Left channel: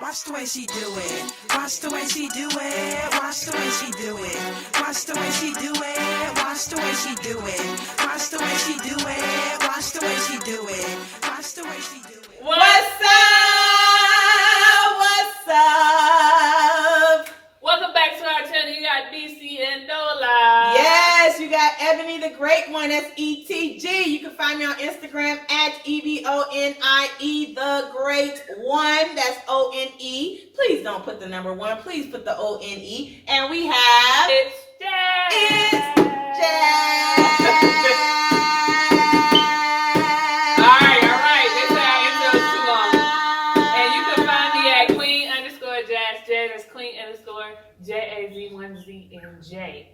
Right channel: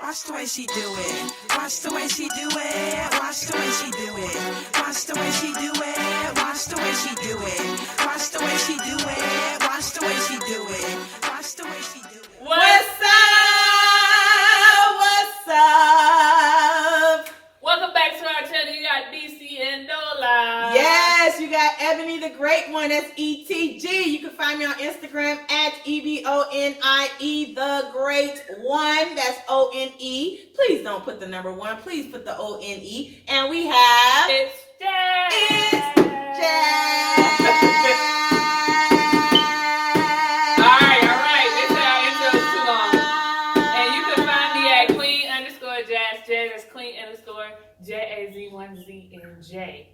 Watch the way she do it. Watch the way she do it. Watch the way she do it. Watch the way she do it. Watch the way she do it. Watch the way she do it. Watch the way she do it. Watch the way she do it. What's up? What's up? Welcome back to our channel. You got DCNDOLA. Yes, you got Ebony the Great One. That's ETG. You can find me on Instagram at EBONIE the Great One. That's ONE. Please don't put the number 1. Please put the ONE. And we have It's Jazz. It's Jazz. Alright. They say our intro is too long. And you can find me at Queen_Jazz. Jazz is Queen_JAZ1ZNJ.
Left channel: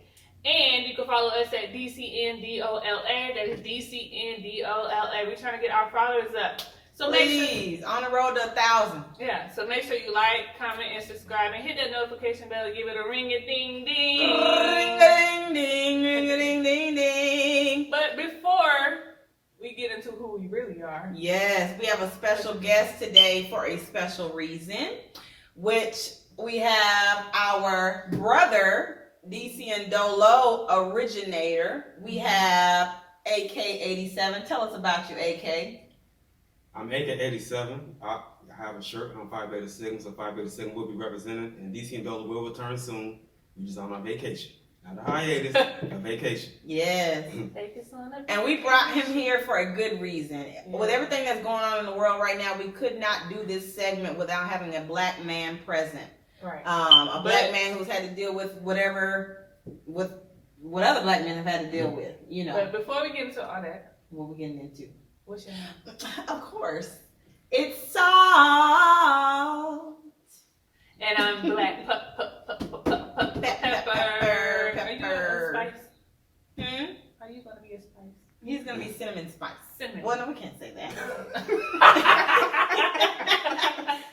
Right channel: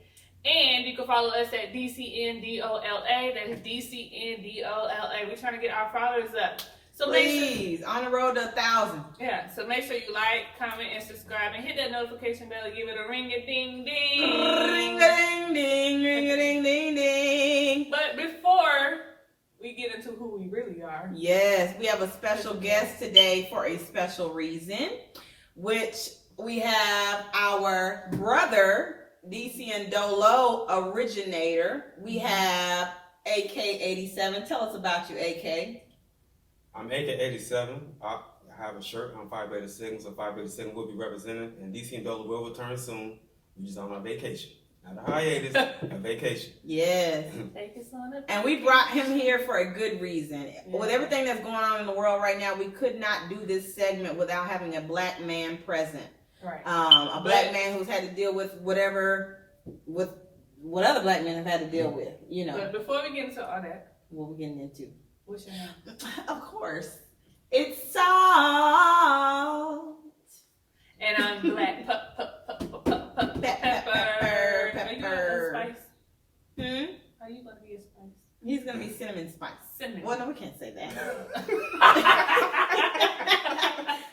And you can follow us at DCNDOLA. That is DCNDOLA. We're trying to get our followers up. So Please, on the road to 1,000. Yeah, so make sure you like, comment, and subscribe, and hit that notification bell. Give it a ring-a-ding-ding. Ring-a-ding-ding, ring-a-ding-ding-ding. But before we get into who we really are, yes, we have a special guest today for a special reason, which we have our brother, DCNDOLO originator. We have AK87. Tell us about you, AK. I'm AK87. I have a shirt. I'm Phi Beta Sigma, so Phi Beta Sigma will be represented, and DCNDOLA will return soon. We're just on my vacation. Not a hiatus, a vacation. Yes. take us on a And we brought him here for a good reason. With everything that's going on in the world right now, we could not do this segment without having a black man present. Right. A black man who's had to deal with what other black men have had to deal with, you know. But before we get into all that, What we're getting into. what's your name? Of course. It's Salt. And I'm Black Pepper. Are you a spice? Are you gonna be a spice? He's going to be cinnamon spice. Cinnamon. Well, no, we can't say that.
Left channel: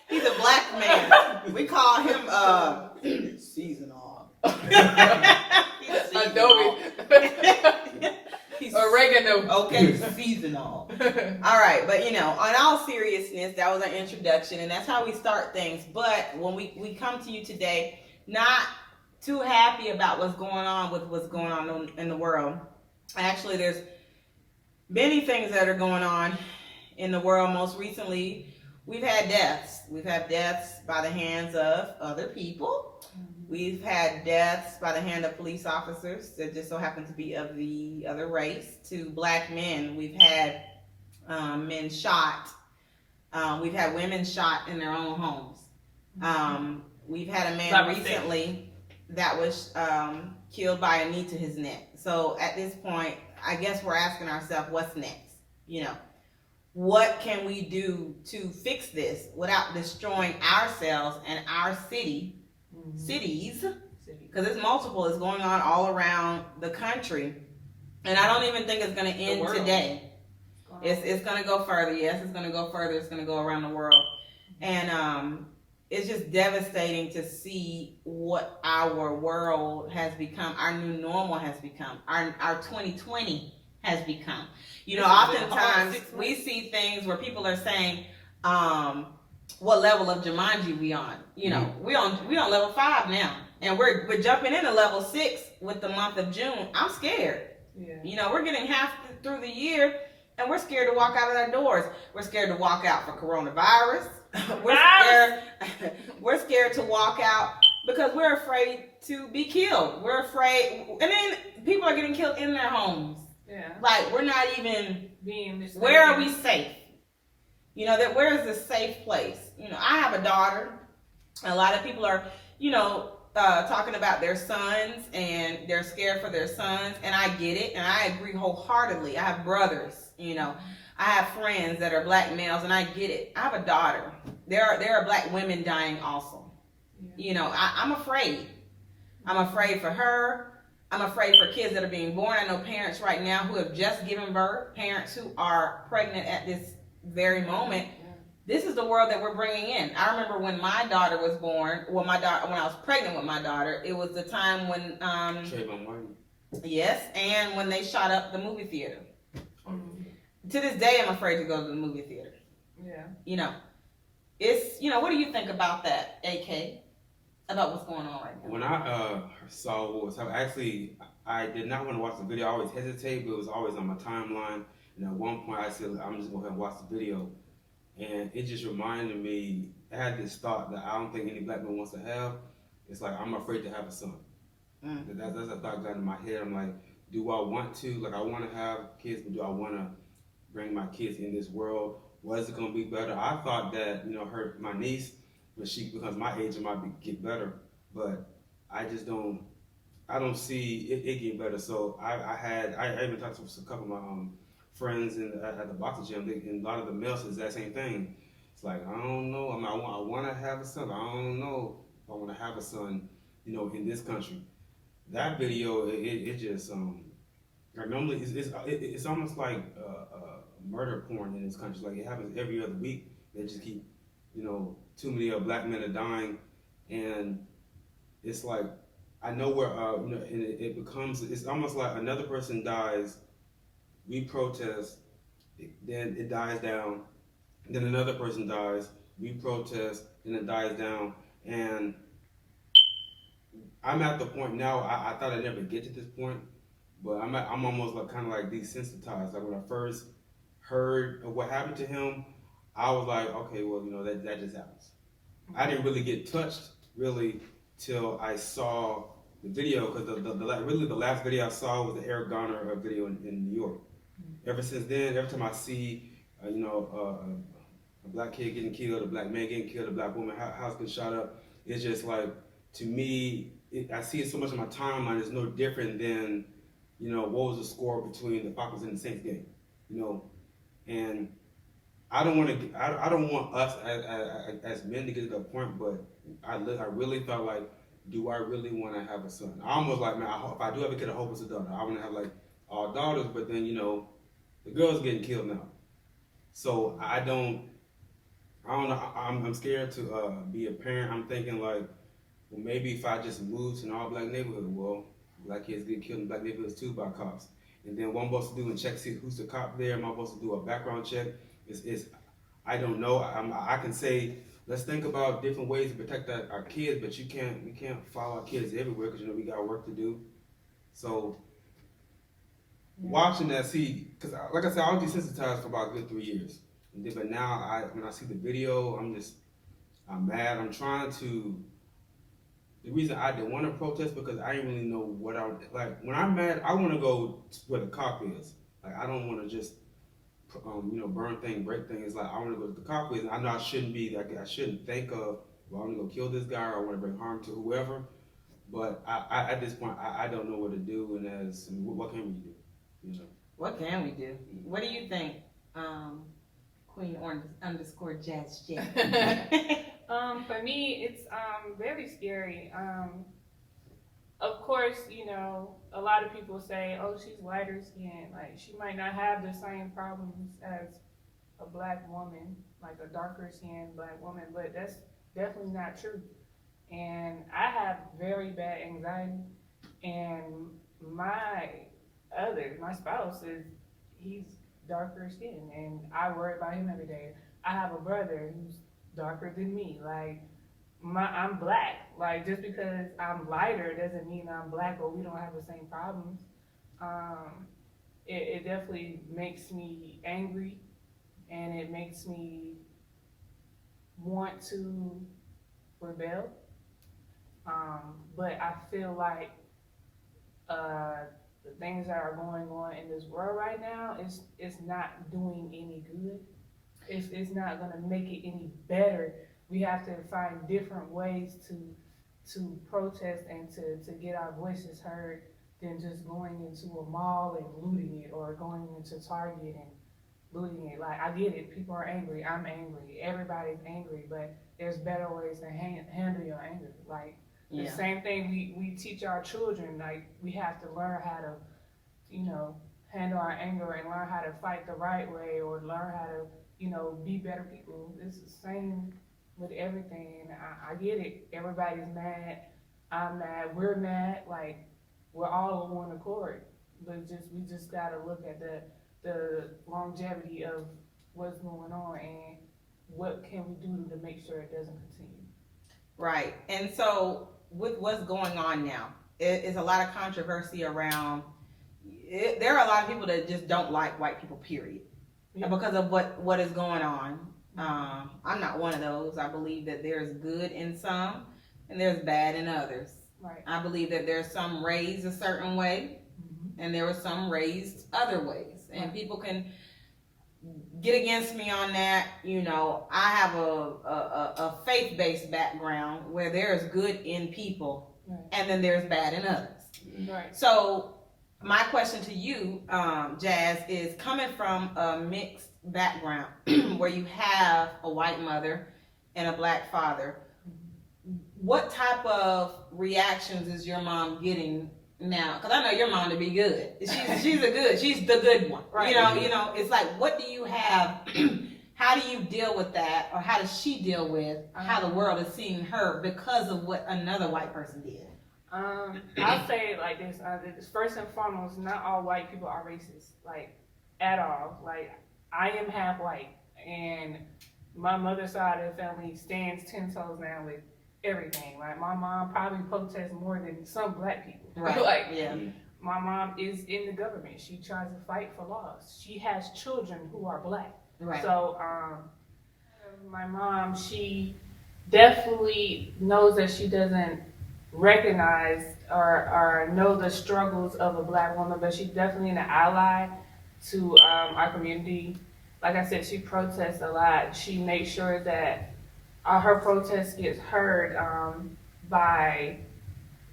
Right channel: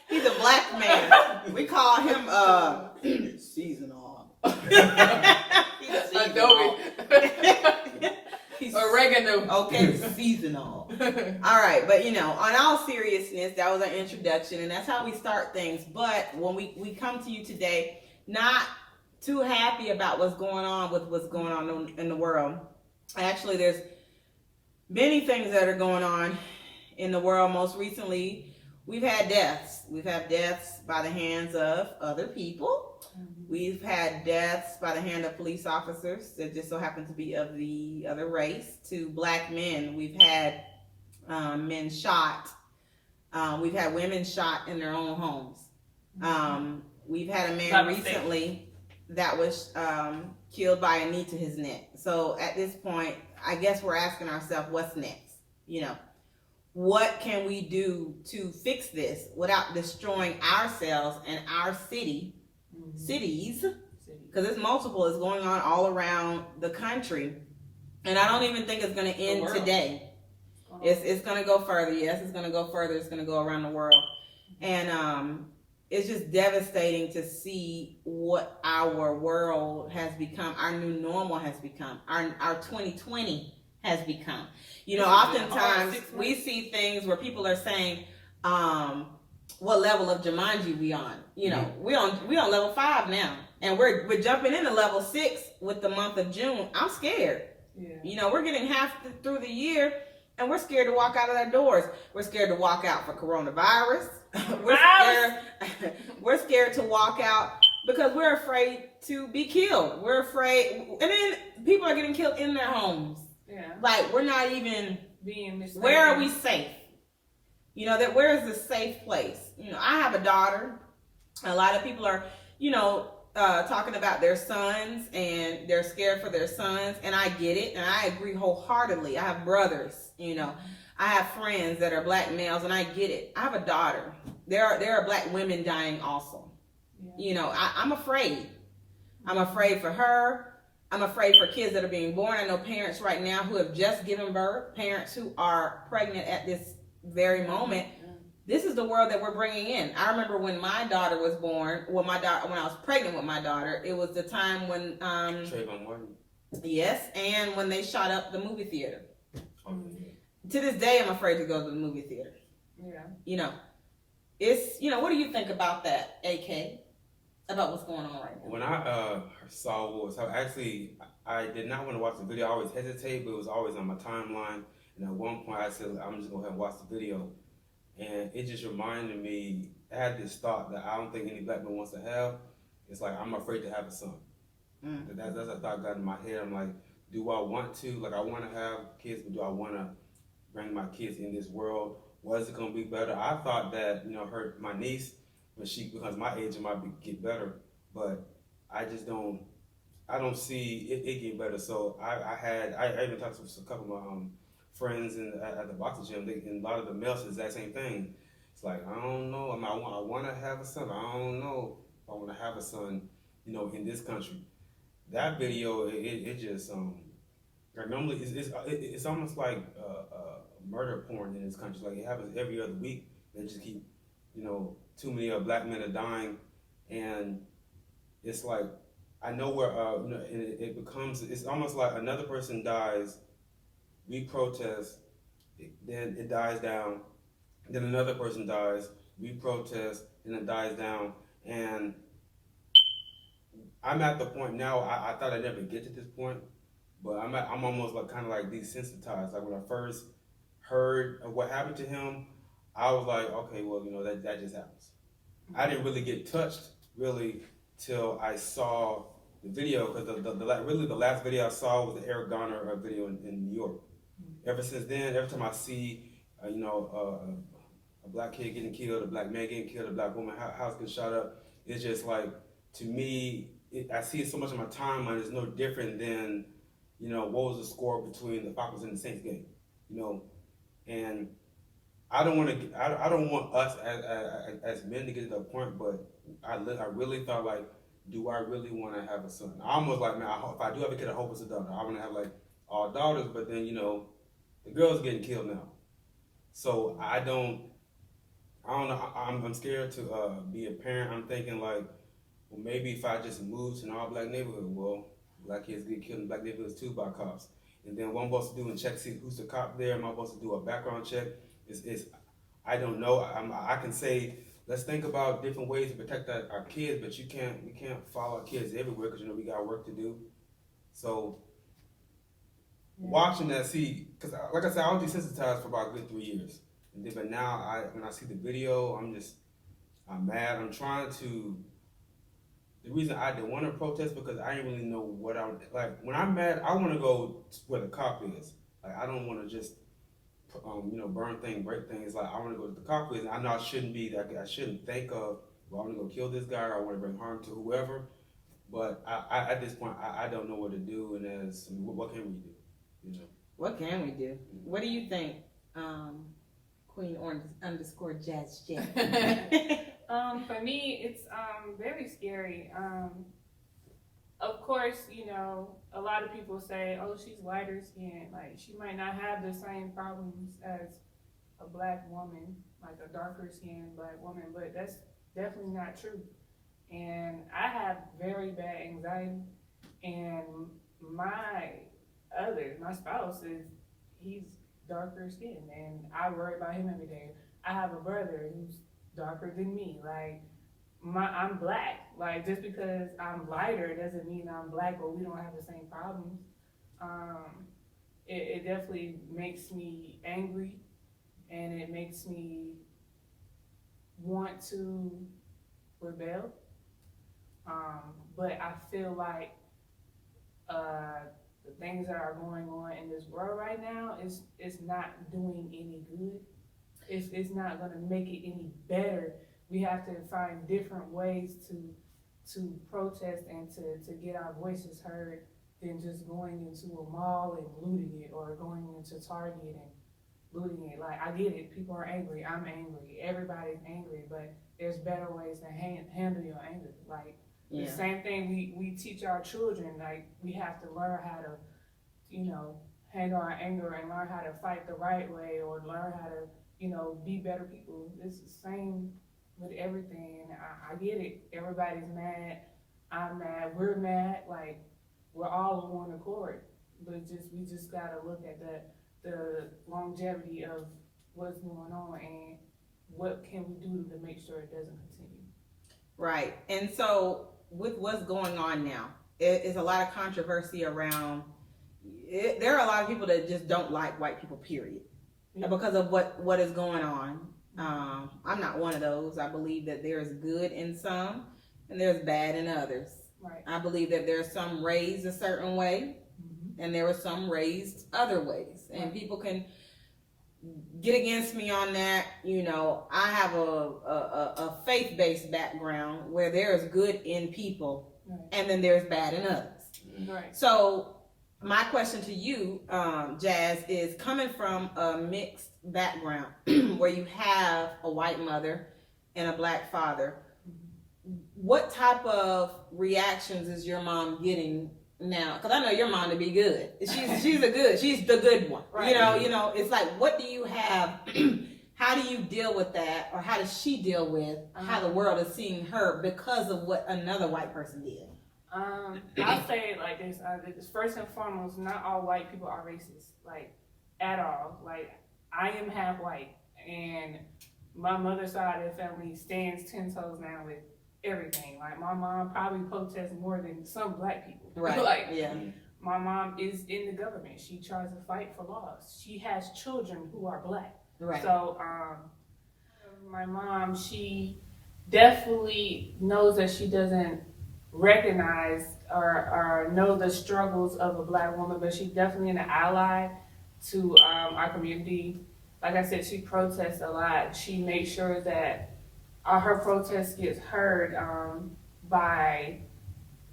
He's a black man. We call him seasonal. Adobe. Oregano. Okay, seasonal. All right, but on all seriousness, that was an introduction, and that's how we start things. But when we come to you today, not too happy about what's going on in the world. Actually, there's many things that are going on in the world. Most recently, we've had deaths. We've had deaths by the hands of other people. We've had deaths by the hand of police officers that just so happen to be of the other race, to black men. We've had men shot. We've had women shot in their own homes. We've had a man recently that was killed by a knee to his neck. So at this point, I guess we're asking ourselves, what's next? What can we do to fix this without destroying ourselves and our cities? Because it's multiple. It's going on all around the country. And I don't even think it's going to end today. It's going to go further. Yes, it's going to go further. It's going to go around the world. And it's just devastating to see what our world has become, our new normal has become, our 2020 has become. Oftentimes we see things where people are saying, what level of Jumanji we on? We on level 5 now, and we're jumping into level 6 with the month of June. I'm scared. Yeah. We're getting half through the year, and we're scared to walk out of our doors. We're scared to walk out for coronavirus. We're scared to walk out because we're afraid to be killed. We're afraid, and then people are getting killed in their homes. Yeah. Like, we're not even being mistaken. Where are we safe? Where is the safe place? I have a daughter. A lot of people are, talking about their sons, and they're scared for their sons, and I get it, and I agree wholeheartedly. I have brothers, I have friends that are black males, and I get it. I have a daughter. There are black women dying also. Yeah. I'm afraid. I'm afraid for her. I'm afraid for kids that are being born. I know parents right now who have just given birth, parents who are pregnant at this very moment. This is the world that we're bringing in. I remember when my daughter was born, when I was pregnant with my daughter, it was the time when yes, and when they shot up the movie theater. To this day, I'm afraid to go to the movie theater. Yeah. it's, what do you think about that, AK? About what's going on right now? When I saw what was happening, actually, I did not want to watch the video. I always hesitate, but it was always on my timeline. And at one point, I said, I'm just going to go ahead and watch the video. And it just reminded me, I had this thought that I don't think any black man wants to have. It's like, I'm afraid to have a son. That's a thought got in my head. I'm like, do I want to? Like, I want to have kids, but do I want to bring my kids in this world? What is it going to be better? I thought that, my niece, when she becomes my age, it might get better. But I just don't see it getting better. So I even talked to a couple of my friends at the boxing gym, and a lot of the males is that same thing. It's like, I don't know. I mean, I want to have a son. I don't know if I want to have a son, in this country. That video, it just normally it's almost like murder porn in this country. Like, it happens every other week. They just keep, too many black men are dying, and it's like, I know where it's almost like another person dies, we protest, then it dies down, then another person dies, we protest, then it dies down, and I'm at the point now. I thought I'd never get to this point, but I'm almost like kind of like desensitized. Like, when I first heard of what happened to him, I was like, okay, well, that just happens. I didn't really get touched till I saw the video, because the last video I saw was the Eric Garner video in New York. Ever since then, every time I see a black kid getting killed, a black man getting killed, a black woman house getting shot up, it's just like, to me, I see it so much on my timeline. It's no different than, what was the score between the Falcons and the Saints game, and I don't want us as men to get to that point, but I really felt like, do I really want to have a son? I almost like, man, if I do have a kid, I hope it's a daughter. I want to have like all daughters, but then, the girl's getting killed now. So I don't know. I'm scared to be a parent. I'm thinking like, well, maybe if I just move to an all black neighborhood, well, black kids get killed in black neighborhoods too by cops. And then what I'm supposed to do and check, see who's the cop there. Am I supposed to do a background check? I don't know. I can say, let's think about different ways to protect our kids, but we can't follow our kids everywhere, because we got work to do. So watching that, because like I said, I was desensitized for about a good 3 years, and then, but now when I see the video, I'm mad. I'm trying to. The reason I didn't want to protest, because I didn't really know what I like. When I'm mad, I want to go where the cop is. Like, I don't want to just burn things, break things. Like, I want to go to the cop is. And I know I shouldn't be. Like, I shouldn't think of, well, I want to go kill this guy, or I want to bring harm to whoever. But I at this point, I don't know what to do. And what can we do? What can we do? What do you think, Queen _ Jazz J? For me, it's very scary. Of course, a lot of people say, oh, she's lighter skinned. Like, she might not have the same problems as a black woman, like a darker skinned black woman, but that's definitely not true. And I have very bad anxiety, and my spouse he's darker skinned, and I worry about him every day. I have a brother who's darker than me. Like, I'm black. Like, just because I'm lighter doesn't mean I'm black, but we don't have the same problems. It definitely makes me angry, and it makes me want to rebel. But I feel like the things that are going on in this world right now is not doing any good. It's not going to make it any better. We have to find different ways to protest and to get our voices heard than just going into a mall and looting it, or going into Target and looting it. Like, I get it. People are angry. I'm angry. Everybody's angry, but there's better ways to handle your anger. Like, the same thing we teach our children. Like, we have to learn how to, handle our anger, and learn how to fight the right way, or learn how to, be better people. It's the same with everything. And I get it. Everybody's mad. I'm mad. We're mad. Like, we're all on one accord. But we just gotta look at the longevity of what's going on, and what can we do to make sure it doesn't continue. Right. And so with what's going on now, it is a lot of controversy around it. There are a lot of people that just don't like white people, period, because of what is going on. I'm not one of those. I believe that there's good in some and there's bad in others. Right. I believe that there's some raised a certain way and there were some raised other ways. And people can get against me on that. You know, I have a faith-based background where there's good in people and then there's bad in others. Right. So my question to you, Jazz, is coming from a mixed background where you have a white mother and a black father, what type of reactions is your mom getting now? Because I know your mom to be good. She's the good one. Right. You know, it's like, what do you have? How do you deal with that, or how does she deal with how the world is seeing her because of what another white person did? I'll say it like this. First and foremost, not all white people are racist, like, at all. Like, I am half white, and my mother's side of the family stands 10 toes down with everything. Like, my mom probably protests more than some black people. Right. Like, yeah. My mom is in the government. She tries to fight for laws. She has children who are black. Right. So, my mom, she definitely knows that she doesn't recognize or know the struggles of a black woman, but she's definitely an ally to our community. Like I said, she protests a lot. She makes sure that her protest gets heard by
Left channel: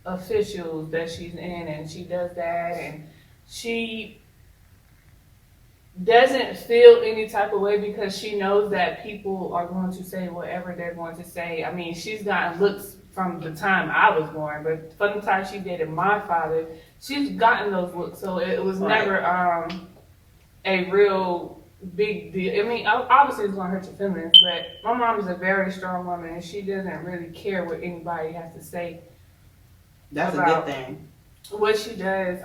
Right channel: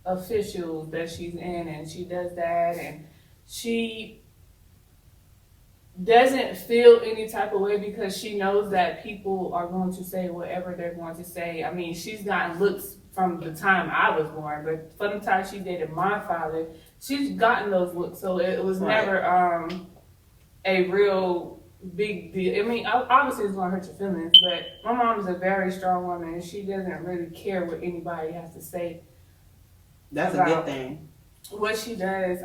officials that she's in, and she does that, and she doesn't feel any type of way because she knows that people are going to say whatever they're going to say. I mean, she's gotten looks from the time I was born, but from the time she dated my father, she's gotten those looks. So it was never a real big deal. I mean, obviously it's going to hurt your feelings, but my mom is a very strong woman, and she doesn't really care what anybody has to say. That's a good thing. What she does,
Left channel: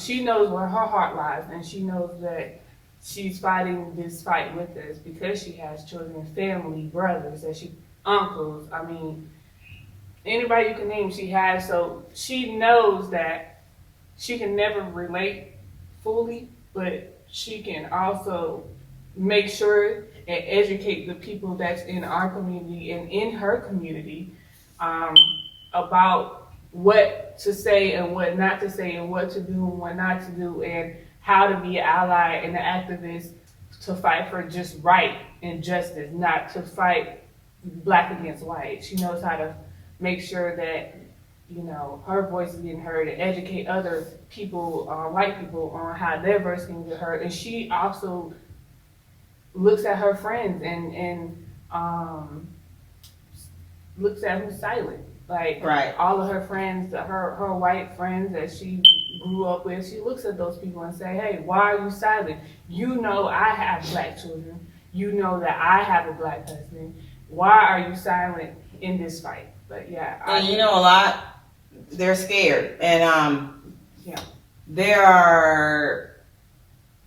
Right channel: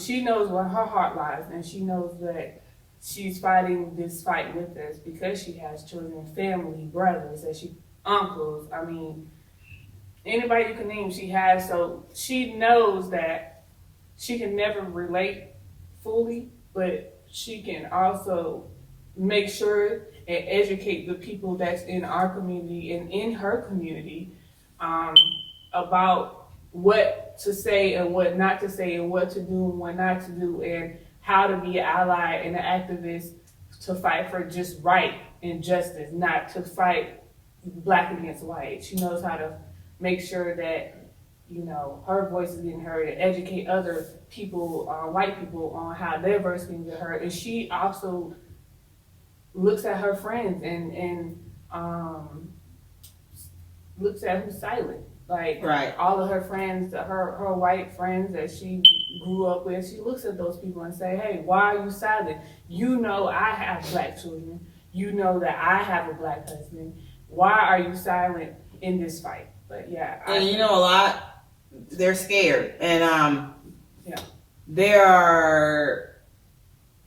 she knows where her heart lies, and she knows that she's fighting this fight with us because she has children, family, brothers, and uncles. I mean, anybody you can name, she has. So she knows that she can never relate fully, but she can also make sure and educate the people that's in our community and in her community about what to say and what not to say, and what to do and what not to do, and how to be an ally and an activist to fight for just right and justice, not to fight black against white. She knows how to make sure that, you know, her voice is getting heard, and educate other people, white people, on how their voice can get heard. And she also looks at her friends and looks at who's silent. Like, all of her friends, her white friends that she grew up with, she looks at those people and say, hey, why are you silent? You know I have black children. You know that I have a black husband. Why are you silent in this fight? But yeah. And you know, a lot, they're scared. And there are,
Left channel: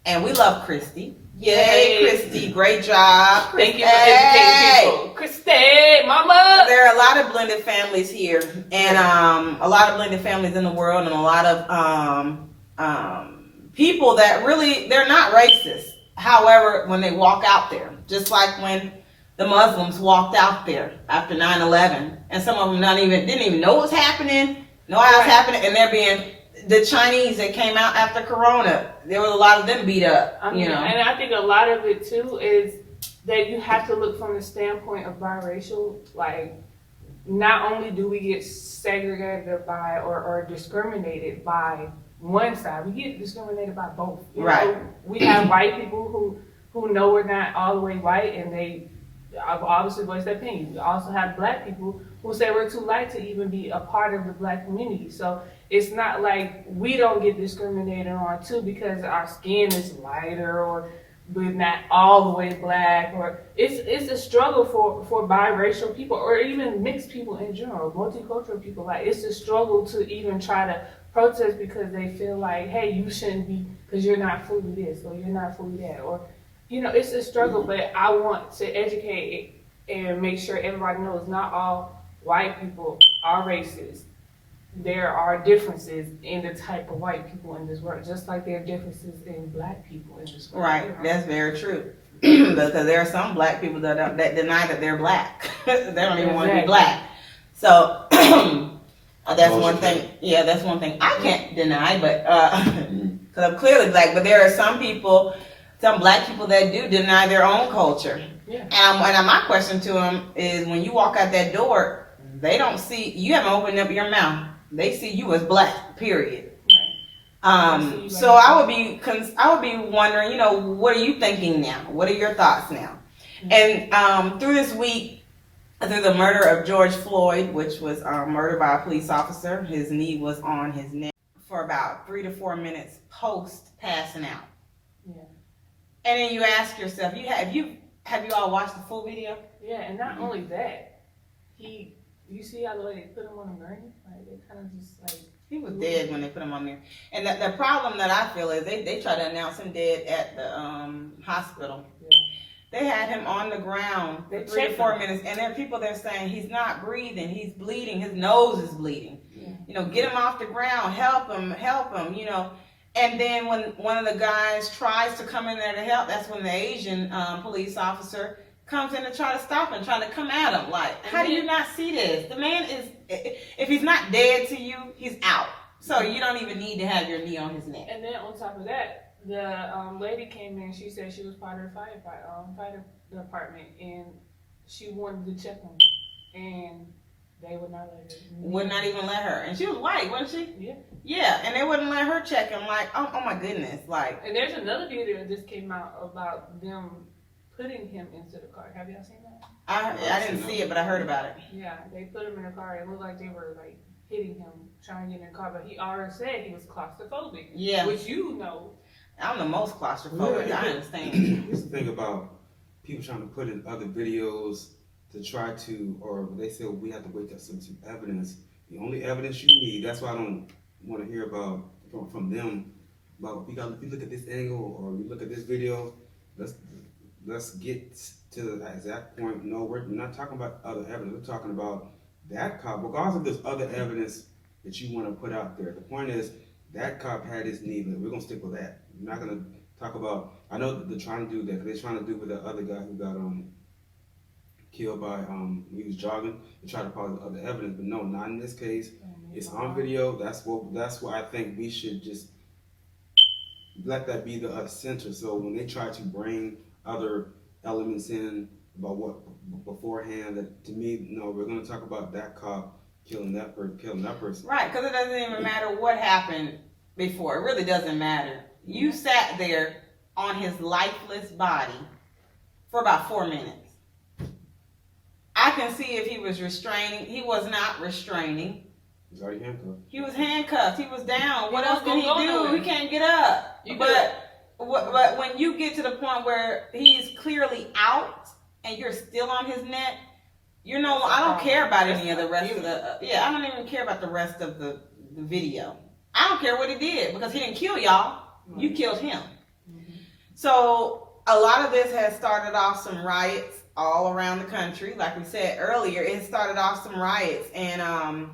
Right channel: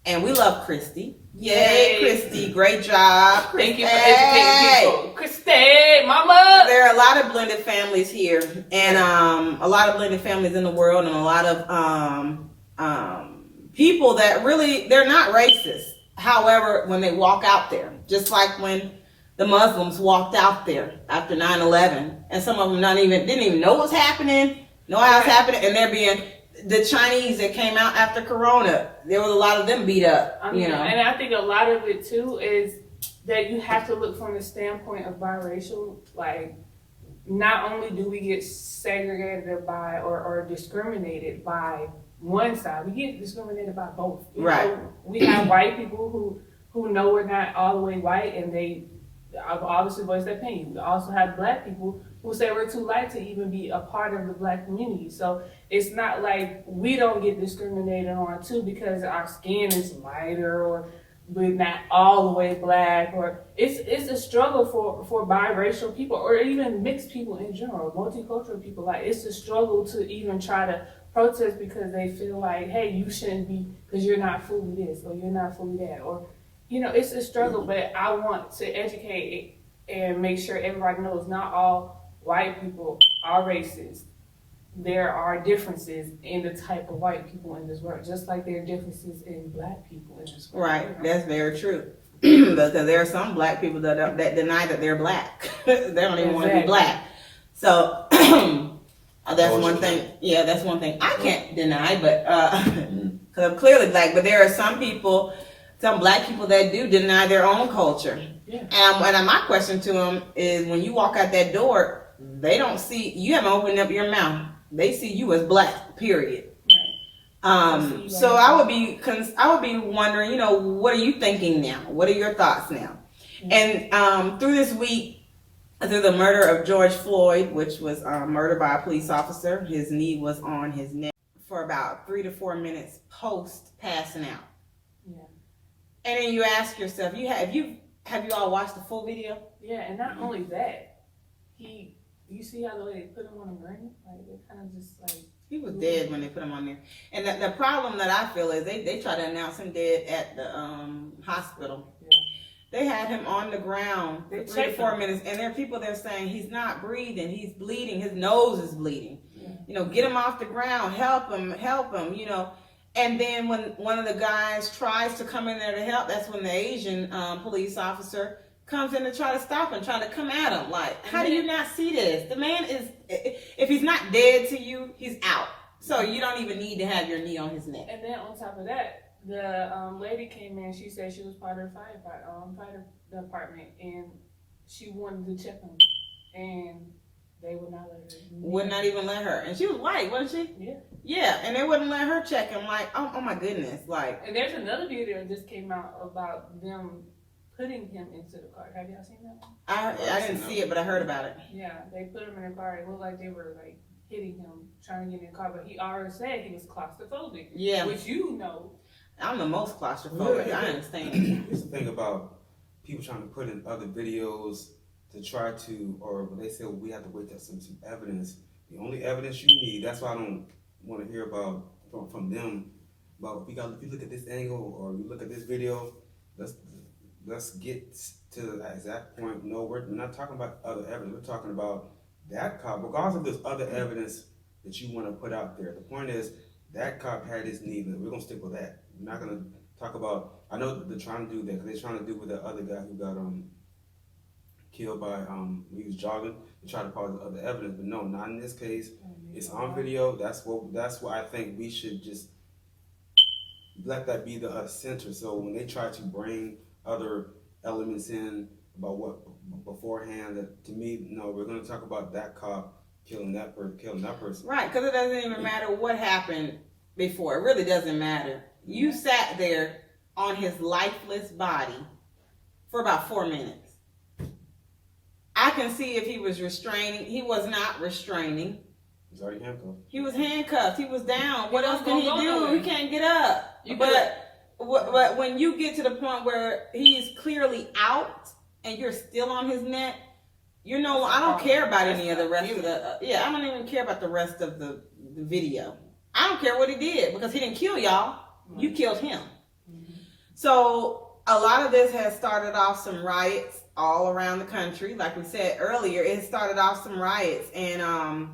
and we love Christy. Yay, Christy, great job. Thank you for educating people. Christy, mama. There are a lot of blended families here, and a lot of blended families in the world, and a lot of people that really, they're not racist. However, when they walk out there, just like when the Muslims walked out there after 9/11, and some of them didn't even know what's happening, know how it's happening, and they're being, the Chinese that came out after Corona, there was a lot of them beat up. I mean, you know, and I think a lot of it too is that you have to look from the standpoint of biracial. Like, not only do we get segregated by or discriminated by one side, we get discriminated by both. You know, we have white people who know we're not all the way white, and they obviously voice their opinion. We also have black people who say we're too light to even be a part of the black community. So it's not like we don't get discriminated on too because our skin is lighter or we're not all the way black, or it's a struggle for biracial people or even mixed people in general, multicultural people. Like, it's a struggle to even try to protest because they feel like, hey, you shouldn't be, because you're not fully this or you're not fully that, or, you know, it's a struggle. But I want to educate and make sure everybody knows not all white people are racist. There are differences in the type of white people in this world, just like there are differences in black people in this world. Right, that's very true. Because there are some black people that deny that they're black. They don't even want to be black. So that's one thing. Yeah, that's one thing I can't deny, but because I'm clearly black. But there are some people, some black people that do deny their own culture. Yeah. And my question to them is, when you walk out that door, they don't see you. Haven't opened up your mouth. They see you as black. Period. So I would be wondering, you know, what are you thinking now? What are your thoughts now? And through this week, through the murder of George Floyd, which was murdered by a police officer, his knee was on his neck for about 3 to 4 minutes post passing out. Yeah. And then you ask yourself, have you all watched the full video? Yeah, and not only that, you see how the way they put him on the gurney? Like, they kind of just like. He was dead when they put him on there. And the problem that I feel is they try to announce him dead at the hospital. Yeah. They had him on the ground for 3 to 4 minutes, and there are people there saying he's not breathing, he's bleeding, his nose is bleeding. Yeah. You know, get him off the ground, help him, you know. And then when one of the guys tries to come in there to help, that's when the Asian police officer comes in to try to stop him, trying to come at him. Like, how do you not see this? The man is, if he's not dead to you, he's out. So you don't even need to have your knee on his neck. And then on top of that, the lady came in, she said she was part of the fire department, and she wanted to check him, and they would not let her. Would not even let her. And she was white, wasn't she? Yeah. Yeah, and they wouldn't let her check him. Like, oh my goodness. Like. And there's another video that just came out about them putting him into the car. Have y'all seen that? I didn't see it, but I heard about it. Yeah, they put him in the car. It looked like they were like hitting him, trying to get in the car, but he already said he was claustrophobic. Yeah. Which you know. I'm the most claustrophobic. I understand. Here's the thing about people trying to put in other videos to try to, or they say, well, we have to wait till some evidence. The only evidence you need, that's why I don't want to hear about from them. But if you look at this angle or you look at this video, let's get to the exact point. No, we're not talking about other evidence. We're talking about that cop, regardless of this other evidence that you want to put out there. The point is, that cop had his knee. We're going to stick with that. We're not going to talk about, I know that they're trying to do that, because they're trying to do with the other guy who got killed by, he was jogging, and try to call the other evidence, but no, not in this case. It's on video. That's why I think we should just let that be the center. So when they try to bring other elements in about what beforehand, that to me, no, we're going to talk about that cop killing that person. Right, because it doesn't even matter what happened before. It really doesn't matter. You sat there on his lifeless body for about 4 minutes. I can see if he was restraining. He was not restraining. He's already handcuffed. He was handcuffed. He was down. What else can he do? He can't get up. But when you get to the point where he's clearly out and you're still on his neck, you know, I don't care about any of the rest of the. I don't even care about the rest of the video. I don't care what he did, because he didn't kill y'all. You killed him. So a lot of this has started off some riots all around the country. Like we said earlier, it started off some riots. And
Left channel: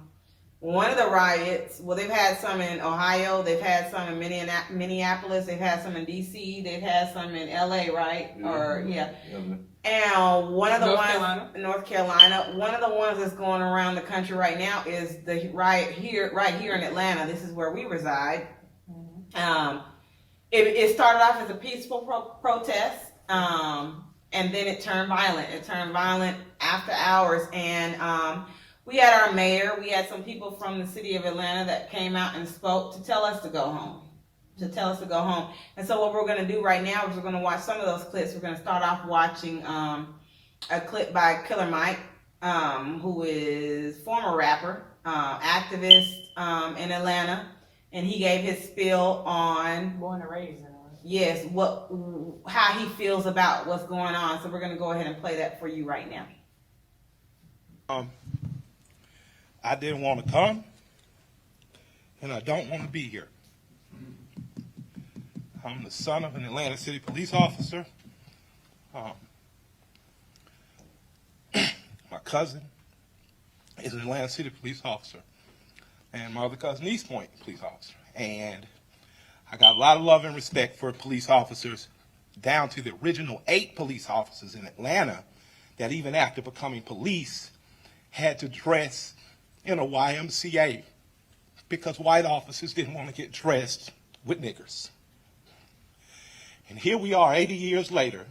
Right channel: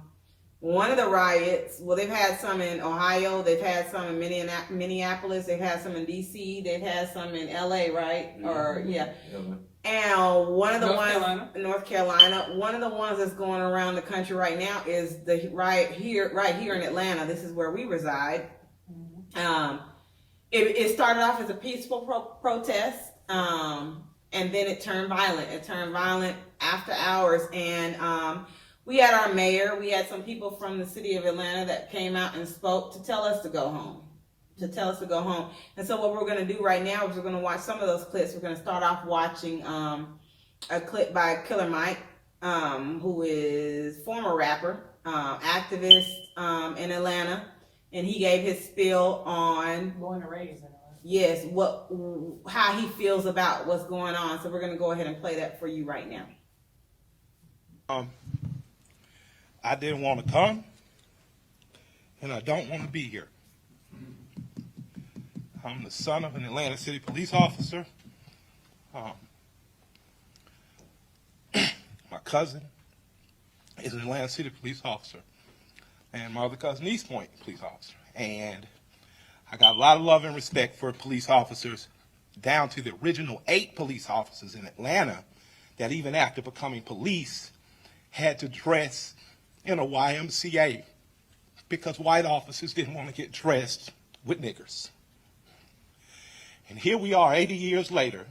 one of the riots, well, they've had some in Ohio, they've had some in Minneapolis, they've had some in DC, they've had some in LA, right? Mm-hmm. Or yeah. Mm-hmm. And one of the ones in North Carolina, one of the ones that's going around the country right now is the riot right here in Atlanta. This is where we reside. Mm-hmm. It started off as a peaceful protest, and then it turned violent. It turned violent after hours, and we had our mayor, we had some people from the city of Atlanta that came out and spoke to tell us to go home. And so what we're going to do right now is we're going to watch some of those clips. We're going to start off watching a clip by Killer Mike, who is former rapper, activist in Atlanta, and he gave his spiel on born and raised. Yes, how he feels about what's going on. So we're going to go ahead and play that for you right now. I didn't want to come, and I don't want to be here. I'm the son of an Atlanta City police officer. cousin is an Atlanta City police officer, and my other cousin, East Point police officer. And I got a lot of love and respect for police officers, down to the original 8 police officers in Atlanta that even after becoming police had to dress in a YMCA because white officers didn't want to get dressed with niggers. And here we are 80 years later.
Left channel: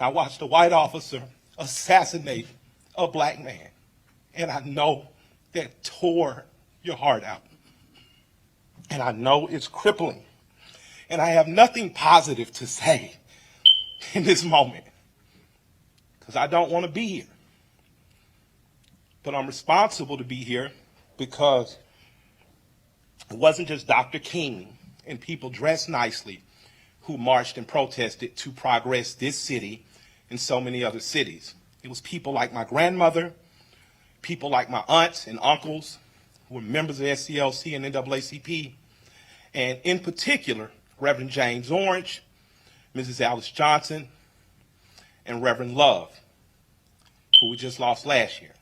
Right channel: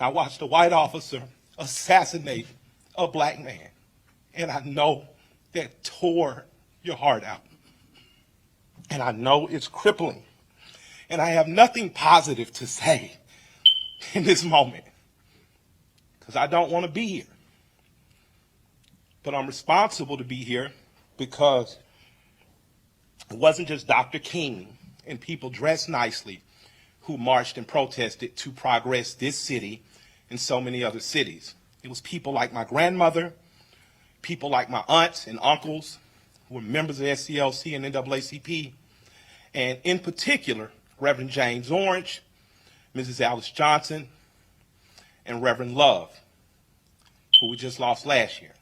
I watched a white officer assassinate a black man. And I know that tore your heart out. And I know it's crippling. And I have nothing positive to say in this moment because I don't want to be here. But I'm responsible to be here because it wasn't just Dr. King and people dressed nicely who marched and protested to progress this city and so many other cities. It was people like my grandmother, people like my aunts and uncles who were members of SCLC and NAACP, and in particular, Reverend James Orange, Mrs. Alice Johnson, and Reverend Love, who we just lost last year.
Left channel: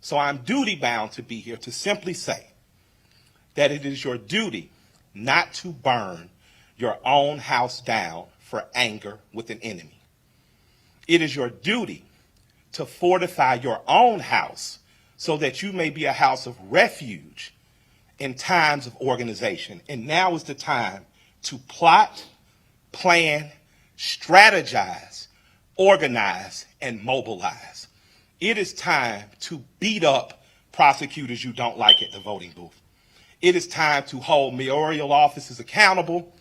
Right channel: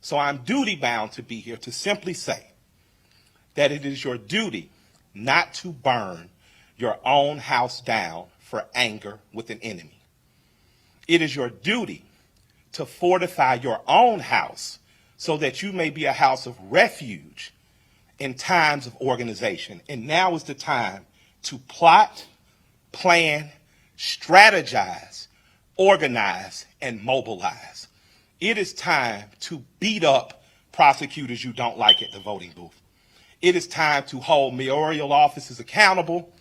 So I'm duty bound to be here to simply say that it is your duty not to burn your own house down for anger with an enemy. It is your duty to fortify your own house so that you may be a house of refuge in times of organization. And now is the time to plot, plan, strategize, organize, and mobilize. It is time to beat up prosecutors you don't like at the voting booth. It is time to hold mayoral offices accountable,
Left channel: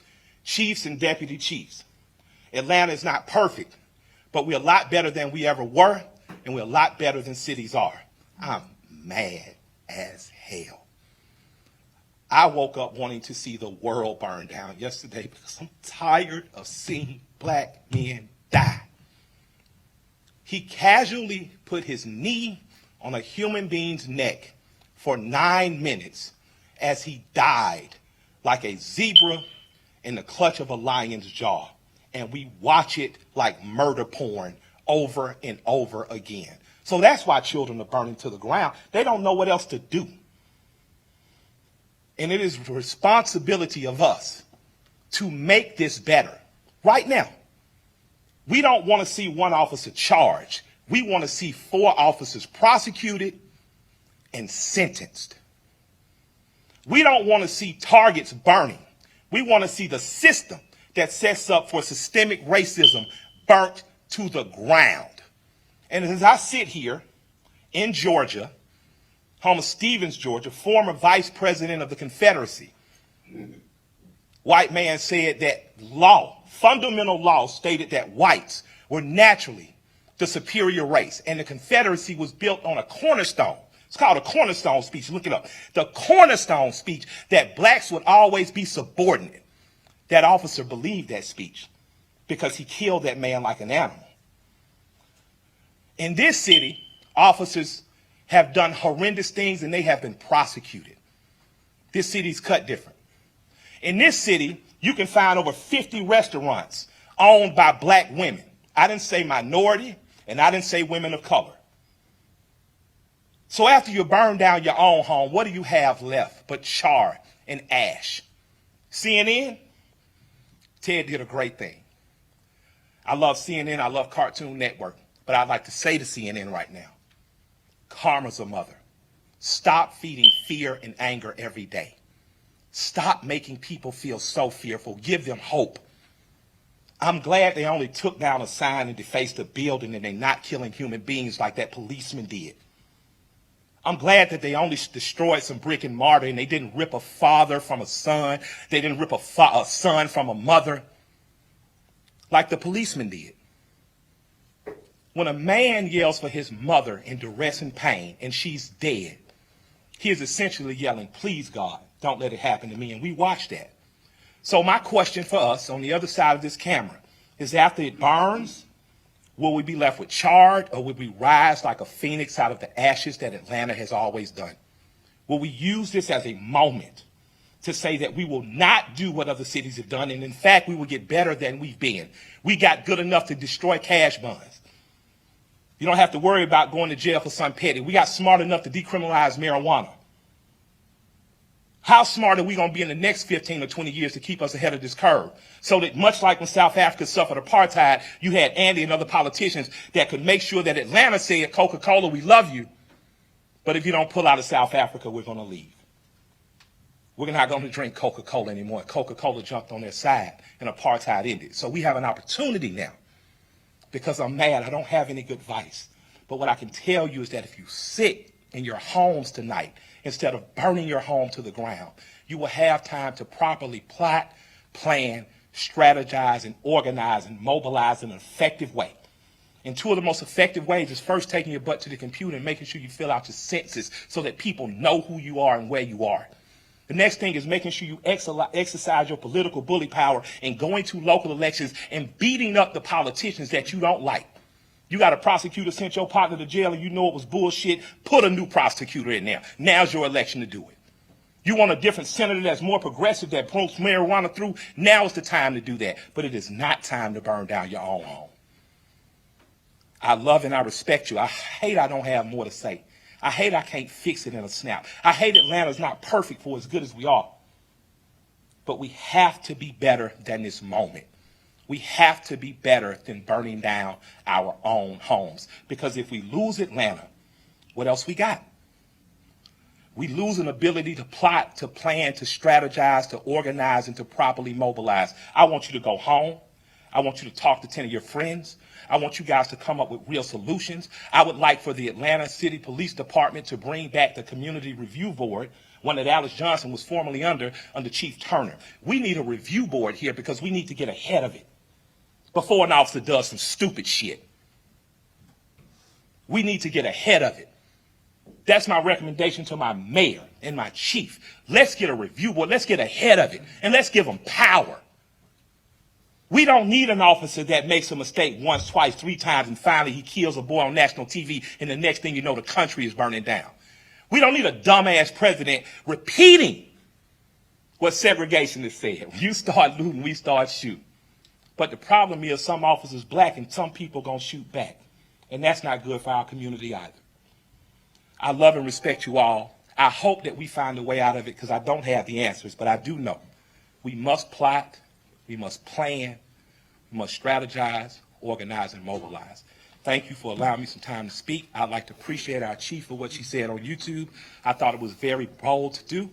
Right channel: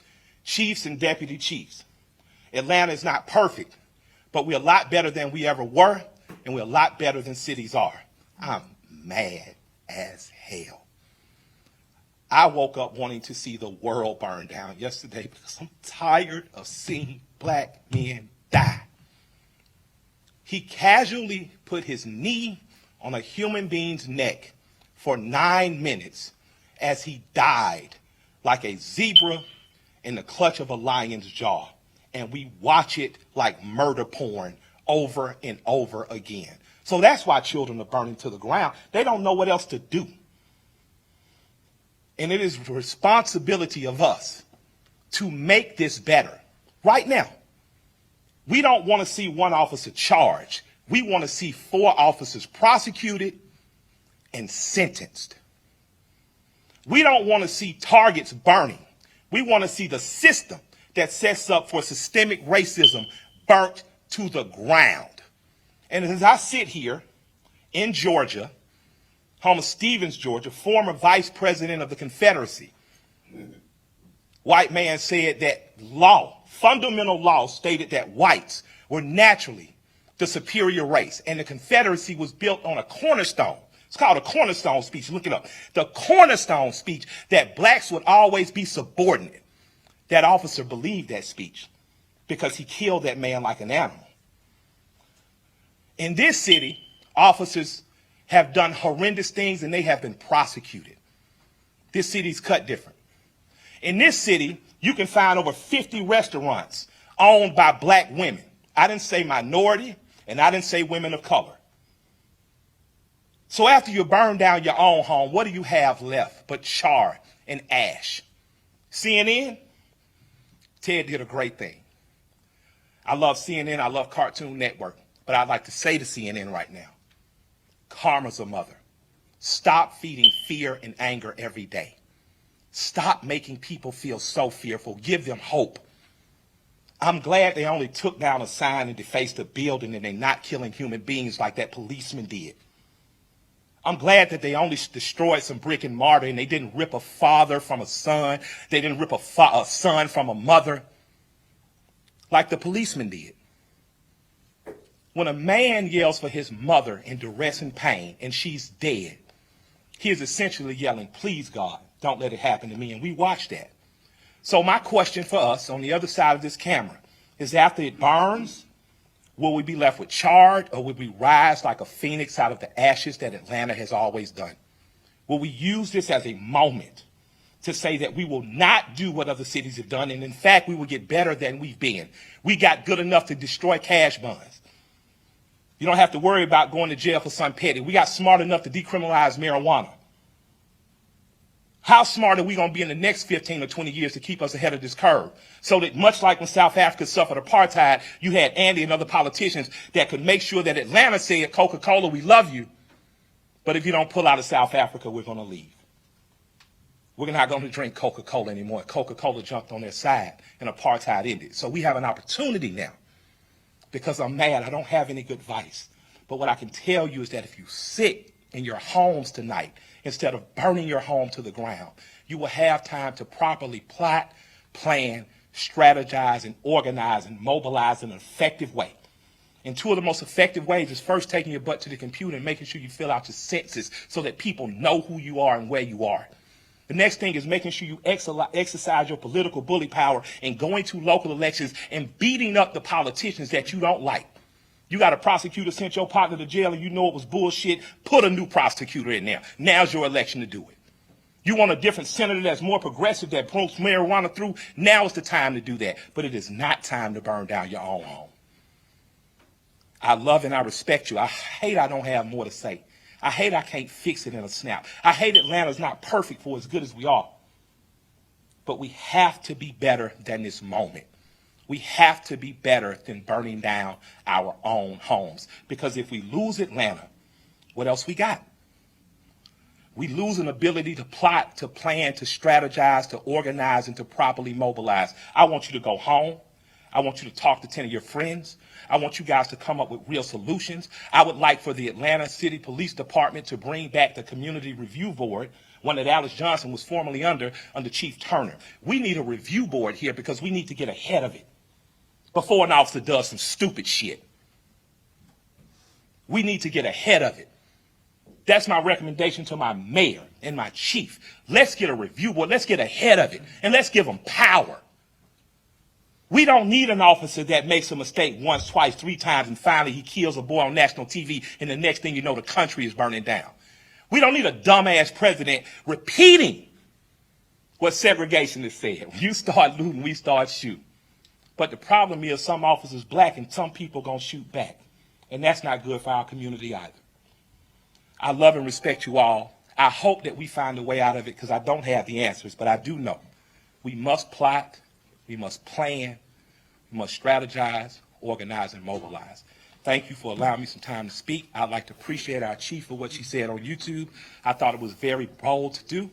chiefs and deputy chiefs. Atlanta is not perfect, but we're a lot better than we ever were, and we're a lot better than cities are. I'm mad as hell. I woke up wanting to see the world burn down yesterday because I'm tired of seeing black men die. He casually put his knee on a human being's neck for 9 minutes as he died like a zebra in the clutch of a lion's jaw. And we watch it like murder porn over and over again. So that's why children are burning to the ground. They don't know what else to do. And it is the responsibility of us to make this better right now. We don't want to see one officer charged. We want to see 4 officers prosecuted and sentenced. We don't want to see targets burning. We want to see the system that sets up for systemic racism burnt to the ground. And as I sit here in Georgia, home of Stevens, Georgia, former vice president of the Confederacy, white man said that fundamental law stated that whites were naturally the superior race, and the Confederacy was built on a cornerstone. It's called a cornerstone speech. Look it up. The cornerstone speech that blacks would always be subordinate. That officer believed that speech because he killed that man like an animal. In this city, officers have done horrendous things and they have been prosecuted. This city's cut different. In this city, you can find over 50 restaurants owned by black women. I didn't say minority, and I didn't say women of color. So after you burn down your own home, what do you have left but char and ash? CNN? Ted did a great thing. I love CNN, I love Cartoon Network, but I'd like to say to CNN right now, karma's a mother. Stop feeding fear and anger every day. Stop making people feel so fearful. Give them hope. I'm glad they only took down a sign and defaced a building and they're not killing human beings like that policeman did. I'm glad that they only destroyed some brick and mortar and they didn't rip a father from a son. They didn't rip a son from a mother like the policeman did. When a man yells for his mother in duress and pain and she's dead, he is essentially yelling, please God, don't let it happen to me. And we watch that. So my question for us on the other side of this camera is, after it burns, will we be left with charred, or will we rise like a phoenix out of the ashes that Atlanta has always done? Will we use this as a moment to say that we will not do what other cities have done, and in fact, we will get better than we've been? We got good enough to destroy cash bonds. You don't have to worry about going to jail for something petty. We got smart enough to decriminalize marijuana. How smart are we going to be in the next 15 or 20 years to keep us ahead of this curve? So that much like when South Africa suffered apartheid, you had Andy and other politicians that could make sure that Atlanta said, Coca-Cola, we love you, but if you don't pull out of South Africa, we're going to leave. We're not going to drink Coca-Cola anymore. Coca-Cola jumped on their side and apartheid ended. So we have an opportunity now. Because I'm mad, I don't have any good advice. But what I can tell you is that if you sit in your homes tonight, instead of burning your home to the ground, you will have time to properly plot, plan, strategize, and organize and mobilize in an effective way. And two of the most effective ways is first taking your butt to the computer and making sure you fill out your census so that people know who you are and where you are. The next thing is making sure you exercise your political bully power and going to local elections and beating up the politicians that you don't like. You got a prosecutor sent your partner to jail and you know it was bullshit, put a new prosecutor in there. Now's your election to do it. You want a different senator that's more progressive, that pulls marijuana through, now is the time to do that. But it is not time to burn down your own home. I love and I respect you. I hate I don't have more to say. I hate I can't fix it in a snap. I hate Atlanta's not perfect for as good as we are. But we have to be better than this moment. We have to be better than burning down our own homes. Because if we lose Atlanta, what else we got? We lose an ability to plot, to plan, to strategize, to organize, and to properly mobilize. I want you to go home. I want you to talk to 10 of your friends. I want you guys to come up with real solutions. I would like for the Atlanta City Police Department to bring back the Community Review Board, one that Alice Johnson was formerly under Chief Turner. We need a review board here because we need to get ahead of it before an officer does some stupid shit. We need to get ahead of it. That's my recommendation to my mayor and my chief. Let's get a review board. Let's get ahead of it, and let's give them power. We don't need an officer that makes a mistake once, twice, 3 times, and finally he kills a boy on national TV, and the next thing you know, the country is burning down. We don't need a dumbass president repeating what segregationists said. You start looting, we start shooting. But the problem is some officers black and some people gonna shoot back. And that's not good for our community either. I love and respect you all. I hope that we find a way out of it because I don't have the answers, but I do know we must plot, we must plan, we must strategize, organize, and mobilize. Thank you for allowing me some time to speak. I'd like to appreciate our chief for what she said on YouTube. I thought it was very bold to do.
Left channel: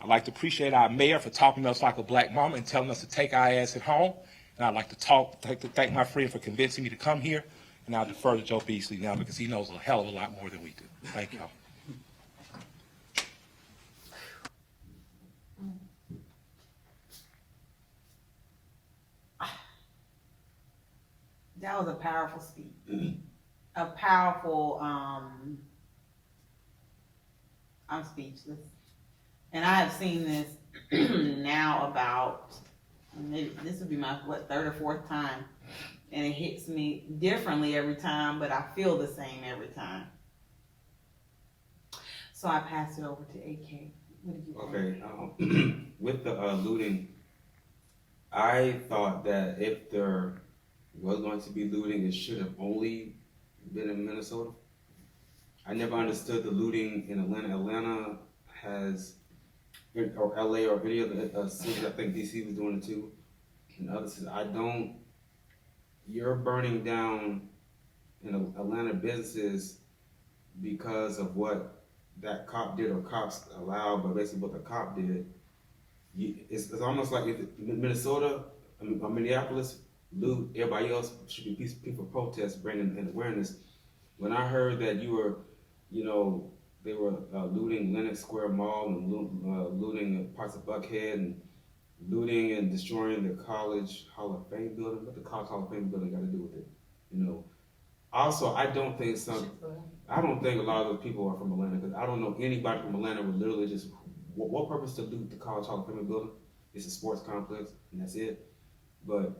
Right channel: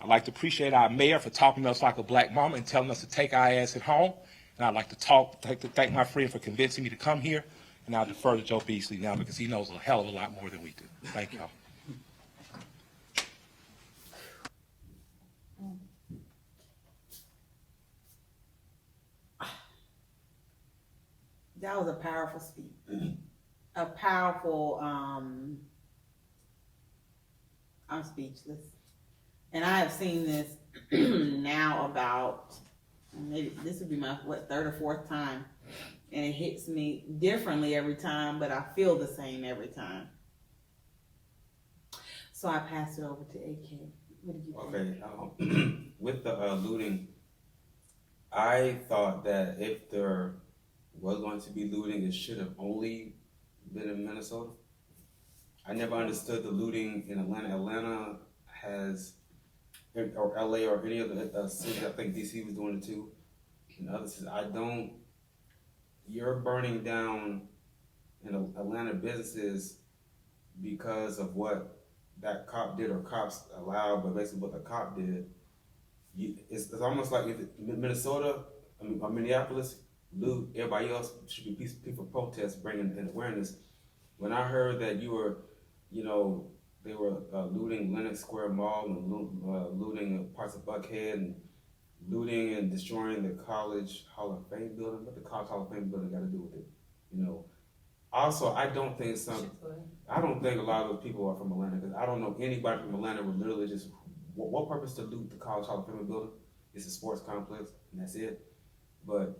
I'd like to appreciate our mayor for talking to us like a black mama and telling us to take our ass at home. And I'd like to thank my friend for convincing me to come here. And I'll defer to Joe Beasley now because he knows a hell of a lot more than we do. Thank y'all. That was a powerful speech. A powerful, I'm speechless. And I have seen this now about, maybe this would be my, 3rd or 4th time. And it hits me differently every time, but I feel the same every time. So I pass it over to AK. What did you think? Okay, with the looting, I thought that if there was going to be looting, it should have only been in Minnesota. I never understood the looting in Atlanta. Atlanta has, or LA or any other cities, I think DC was doing it too. And other cities, you're burning down Atlanta businesses because of what that cop did or cops allowed, but basically what the cop did. It's almost like if Minnesota, or Minneapolis, loot, everybody else should be peaceful protests bringing an awareness. When I heard that they were looting Lenox Square Mall and looting parts of Buckhead and looting and destroying the College Hall of Fame building, what the College Hall of Fame building got to do with it? Also, I don't think a lot of those people are from Atlanta because I don't know anybody from Atlanta would literally just, what purpose to loot the College Hall of Fame building? It's a sports complex and that's it. But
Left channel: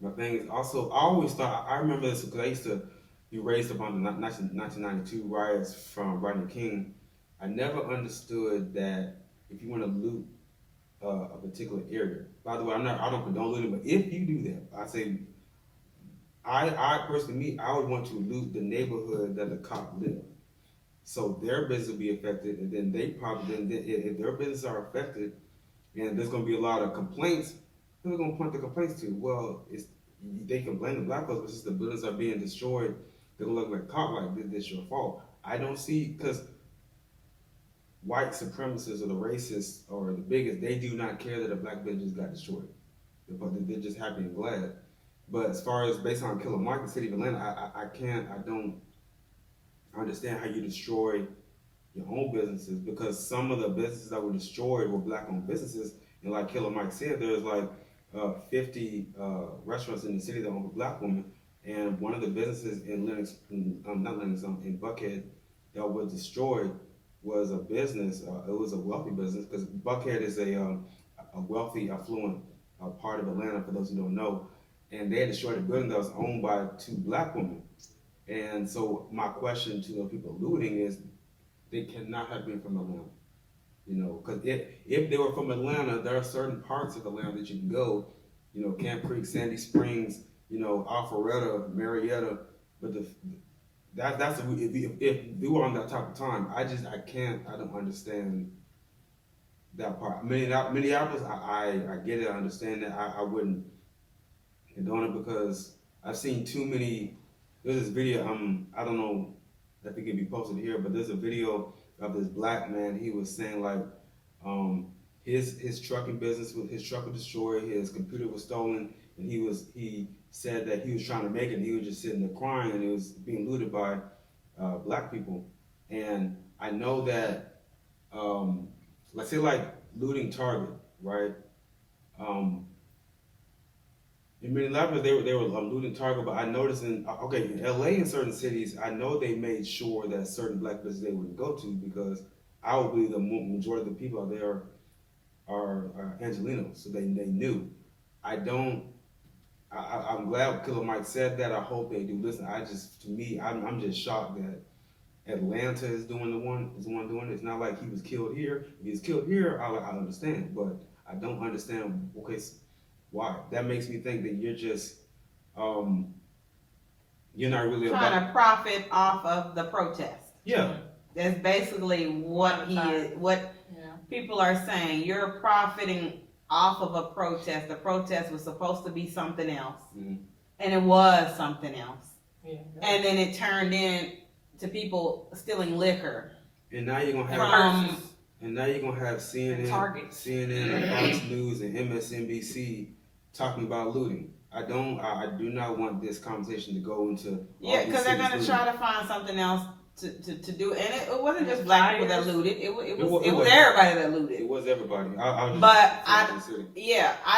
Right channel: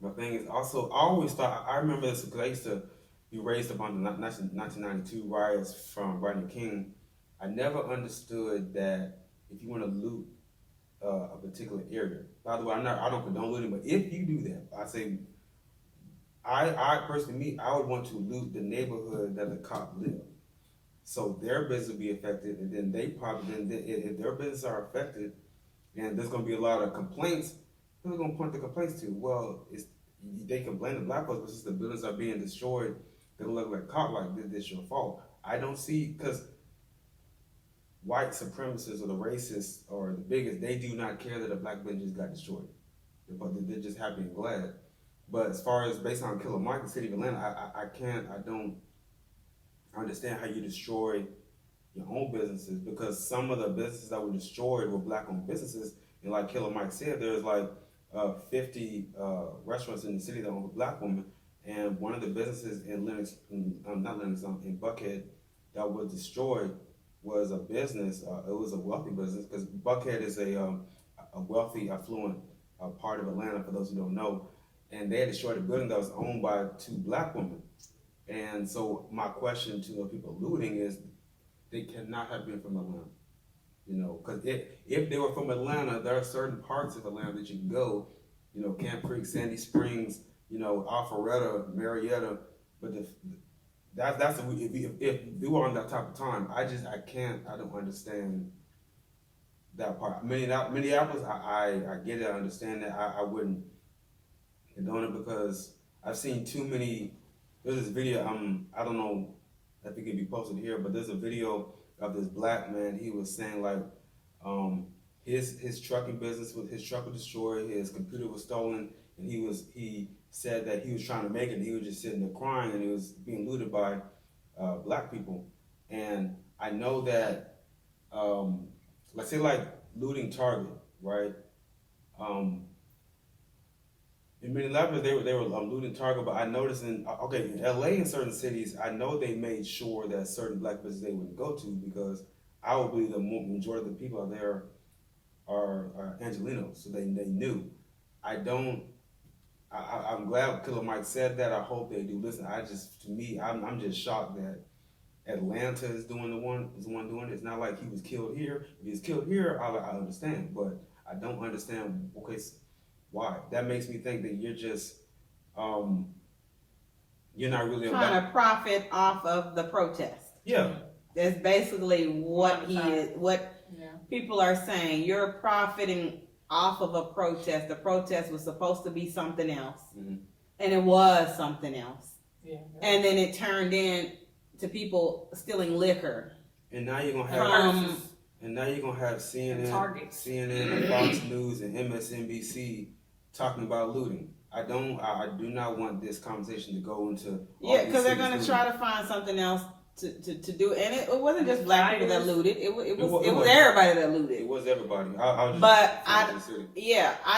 my thing is also, I always thought, I remember this because I used to be raised up on the 1992 riots from Rodney King. I never understood that if you want to loot a particular area, by the way, I don't condone looting, but if you do that, I say I personally, I would want to loot the neighborhood that the cop live. So their business will be affected, and then they probably, if their businesses are affected, and there's going to be a lot of complaints, who are going to point the complaints to? Well, they can blame the black folks, but since the buildings are being destroyed, they look like cop, like this your fault. I don't see, because white supremacists or the racists or the bigots, they do not care that a black business got destroyed. They're just happy and glad. But as far as based on Killer Mike, the city of Atlanta, I don't understand how you destroy your own businesses, because some of the businesses that were destroyed were black-owned businesses, and like Killer Mike said, there's like 50 restaurants in the city that own a black woman, and one of the businesses in in Buckhead that was destroyed was a business. It was a wealthy business, because Buckhead is a wealthy, affluent part of Atlanta, for those who don't know, and they had destroyed a building that was owned by 2 black women. And so my question to the people looting is, they cannot have been from Atlanta, you know, because if they were from Atlanta, there are certain parts of Atlanta that you can go, you know, Camp Creek, Sandy Springs, you know, Alpharetta, Marietta, but that's if we were on that type of time, I don't understand that part. Minneapolis, I get it, I understand that. I wouldn't condone it, because I've seen too many. There's this video, I don't know if it can be posted here, but there's a video of this black man. He was saying like, his trucking business, his truck was destroyed, his computer was stolen, and he said that he was trying to make it, and he was just sitting there crying, and he was being looted by black people. And I know that, let's say like looting Target, right? In Minneapolis, they were looting Target, but I noticed in LA, in certain cities, I know they made sure that certain black businesses they wouldn't go to, because I would believe the majority of the people out there are Angelenos, so they knew. I'm glad Killer Mike said that. I hope they do listen. I'm just shocked that Atlanta is the one doing it. It's not like he was killed here. If he was killed here, I understand, but I don't understand. Okay. Why? That makes me think that you're just, you're not really trying to profit off of the protest. Yeah. That's basically what people are saying. You're profiting off of a protest. The protest was supposed to be something else, and it was something else. Yeah. And then it turned into people stealing liquor. And now you're gonna have CNN and Fox News and MSNBC talking about looting. I do not want this conversation to go into because they're gonna try to find something else to do, and it wasn't just black people that looted. It was everybody that looted. It was everybody. I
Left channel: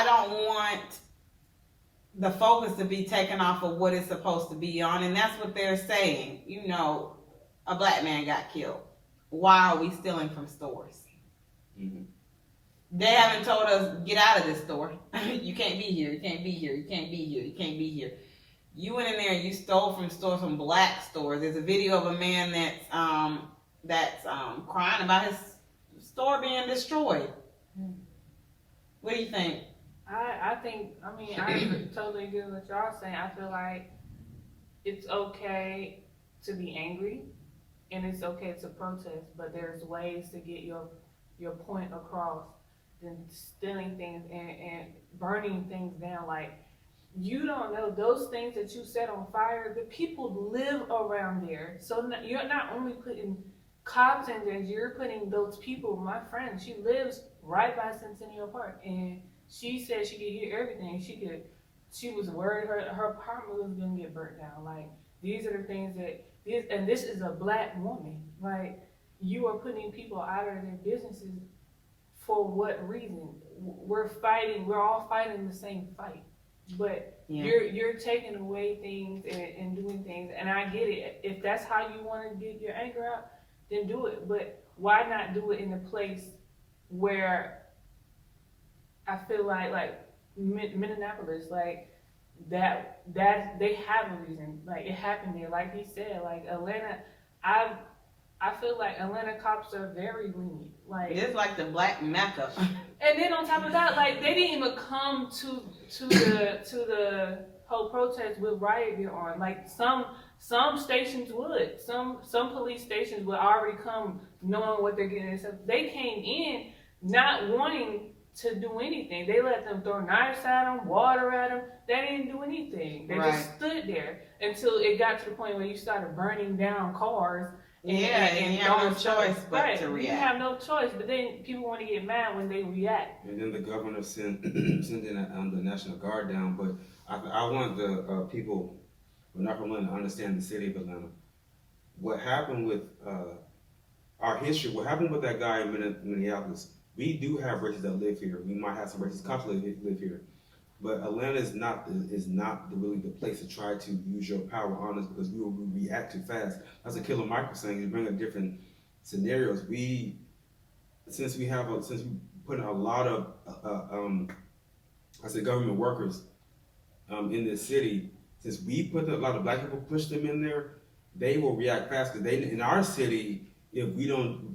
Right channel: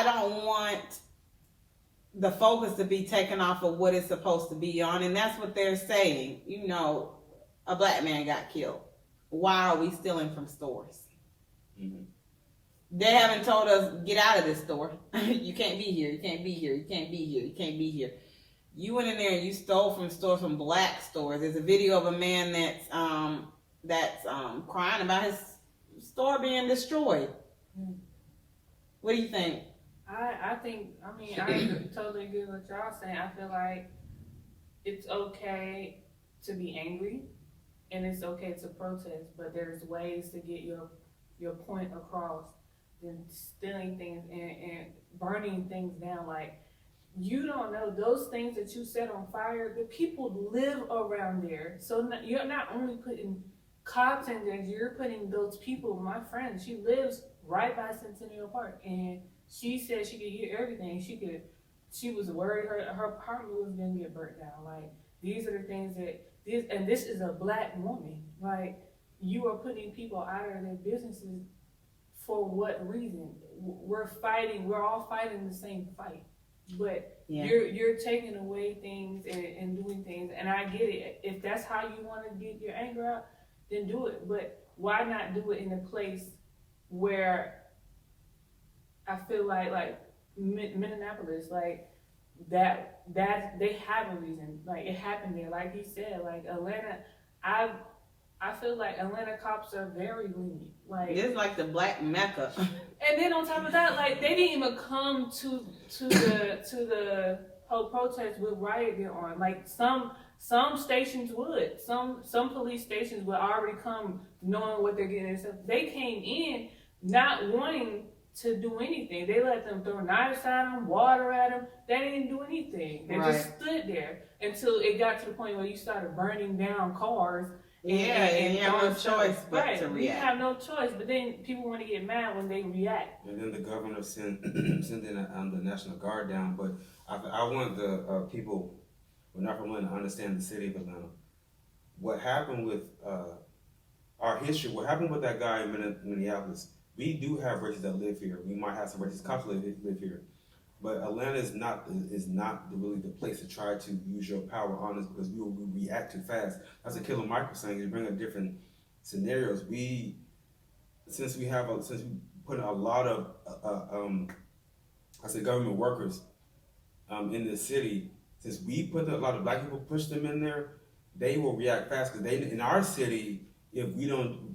don't want the focus to be taken off of what it's supposed to be on, and that's what they're saying. You know, a black man got killed. Why are we stealing from stores? Mm-hmm. They haven't told us, get out of this store. You can't be here. You can't be here. You can't be here. You can't be here. You went in there and you stole from stores, from black stores. There's a video of a man that's crying about his store being destroyed. What do you think? I totally agree with what y'all saying. I feel like it's okay to be angry and it's okay to protest, but there's ways to get your point across than stealing things and burning things down. Like, you don't know, those things that you set on fire, the people live around there. So you're not only putting cops in there, you're putting those people. My friend, she lives right by Centennial Park, and she said she could hear everything. She was worried her apartment was gonna get burnt down. Like, these are the things and this is a black woman. Like, you are putting people out of their businesses for what reason? We're all fighting the same fight. But you're taking away things and doing things, and I get it. If that's how you want to get your anger out, then do it. But why not do it in a place where I feel like Minneapolis, like that they have a reason. Like, it happened there. Like he said, like Atlanta, I feel like Atlanta cops are very lenient. Like, it's like the black Mecca. And then on top of that, like, they didn't even come to the hold protests with riot gear on. Like some stations would, some police stations would already come knowing what they're getting themselves. They came in not wanting to do anything. They let them throw knives at them, water at them. They didn't do anything. They just stood there until it got to the point where you started burning down cars. And you have no choice but to react. You have no choice, but then people want to get mad when they react. And then the governor sent in the National Guard down. But I want the people who are not from Atlanta to understand the city of Atlanta. What happened with our history, what happened with that guy in Minneapolis, we do have races that live here. We might have some racist cops that live here. But Atlanta is not really the place to try to use your power on us, because we will react too fast. That's what Killer Mike was saying. You bring up different scenarios. Since we put a lot of government workers in this city, since we put a lot of black people, push them in there, they will react fast. Because in our city, if we don't,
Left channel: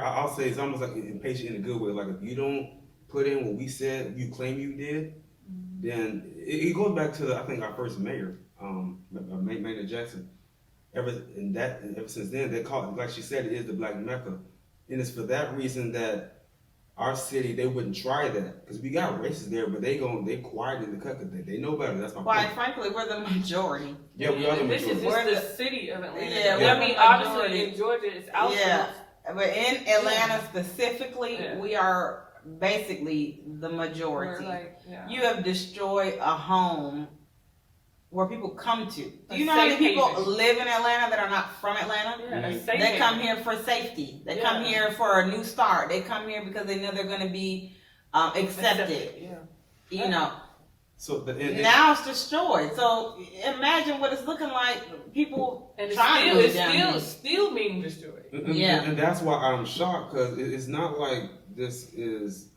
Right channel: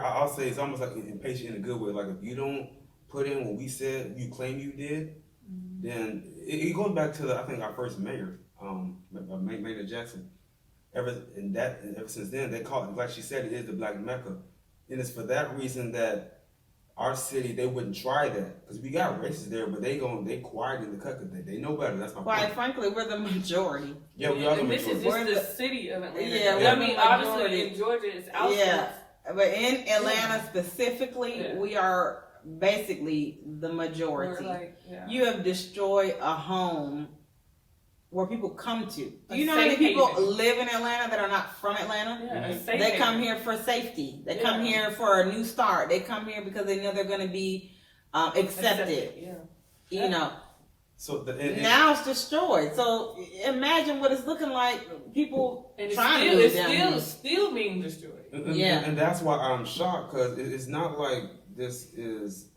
I'll say it's almost like impatient in a good way. Like if you don't put in what we said, you claim you did, then it goes back to I think our first mayor, Mayor Jackson. Ever since then, they call it, like she said, it is the Black Mecca, and it's for that reason that our city, they wouldn't try that, because we got racists there, but they quiet in the cut because they know better. That's my point. Quite frankly, we're the majority. Yeah, we are the majority. This is just the city of Atlanta. Yeah, I mean, obviously in Georgia, it's outskirts. Yeah, but in Atlanta specifically, we are basically the majority. You have destroyed a home where people come to. Do you know how many people live in Atlanta that are not from Atlanta? Yeah, they come here for safety. They come here for a new start. They come here because they know they're going to be accepted. You know. So now it's destroyed. So imagine what it's looking like. People and trying to it's still being destroyed. And that's why I'm shocked, because it's not like this is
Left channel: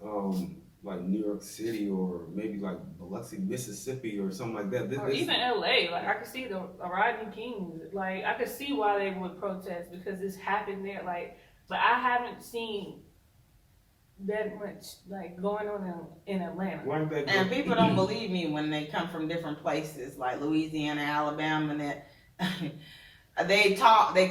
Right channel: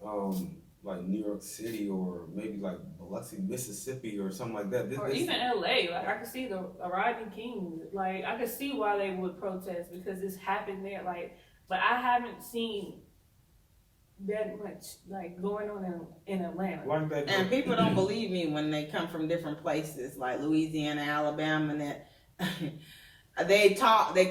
like New York City or maybe like Biloxi, Mississippi or something like that. Or even LA. Like I could see the Rodney King. Like I could see why they would protest, because this happened there. Like, but I haven't seen that much like going on in Atlanta. And people don't believe me when they come from different places like Louisiana, Alabama, and that they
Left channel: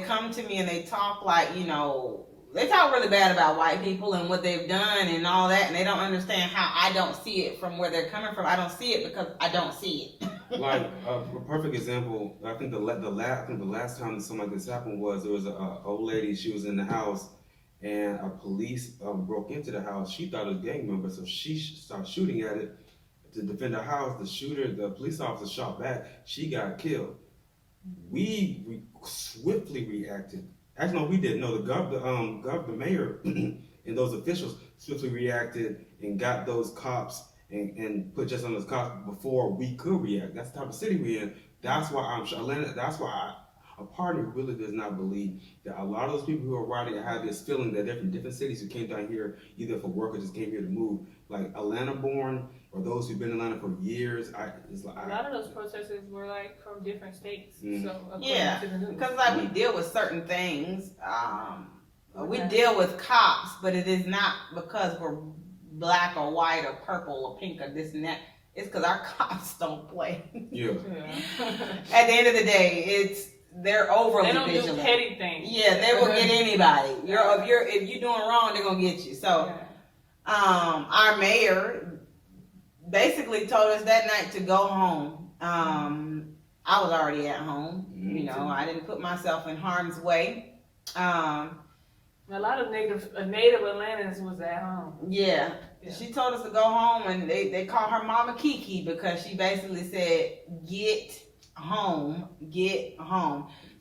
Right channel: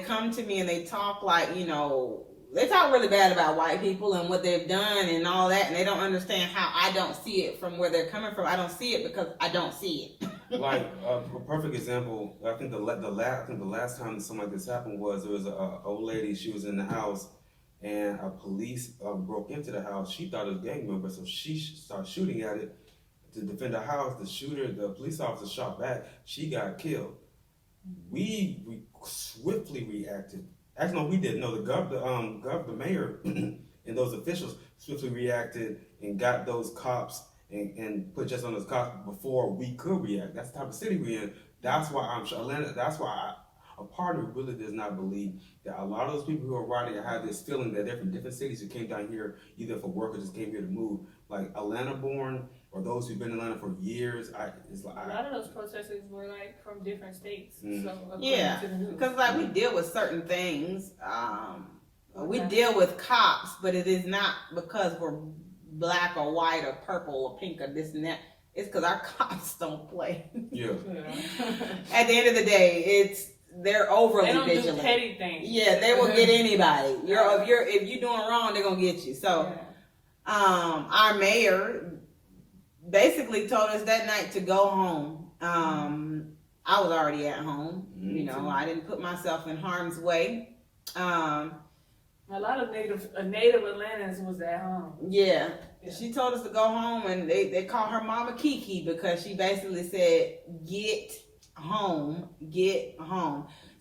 come to me and they talk like, you know, they talk really bad about white people and what they've done and all that, and they don't understand how I don't see it from where they're coming from. I don't see it because I don't see it. Like a perfect example, I think the last time something like this happened was there was a old lady. She was in the house, and a police broke into the house. She thought it was a gang member, so she started shooting at it to defend the house. The police officer shot back. She got killed. We swiftly reacted. Actually, no, we didn't. No, the mayor and those officials swiftly reacted and got those cops and put just on those cops before we could react. That's the type of city we're in. That's why Atlanta. That's why a part of me really does not believe that a lot of those people who are riding have this feeling that they're from different cities who came down here either for work or just came here to move. Like Atlanta-born or those who've been in Atlanta for years. A lot of those protesters were like from different states. So yeah, because like we deal with certain things. We deal with cops, but it is not because we're black or white or purple or pink or this and that. It's because our cops don't play. Yeah. At the end of the day, they're overly vigilant. They don't do petty things. Yeah, they will get anybody. If you're doing wrong, they're gonna get you. So, our mayor basically told us that night to go home. I was already at home. You know, I didn't put myself in harm's way. A lot of native Atlantans was at home. Yeah. She told us to go home, and they call her Mama Kiki because she basically said, get home.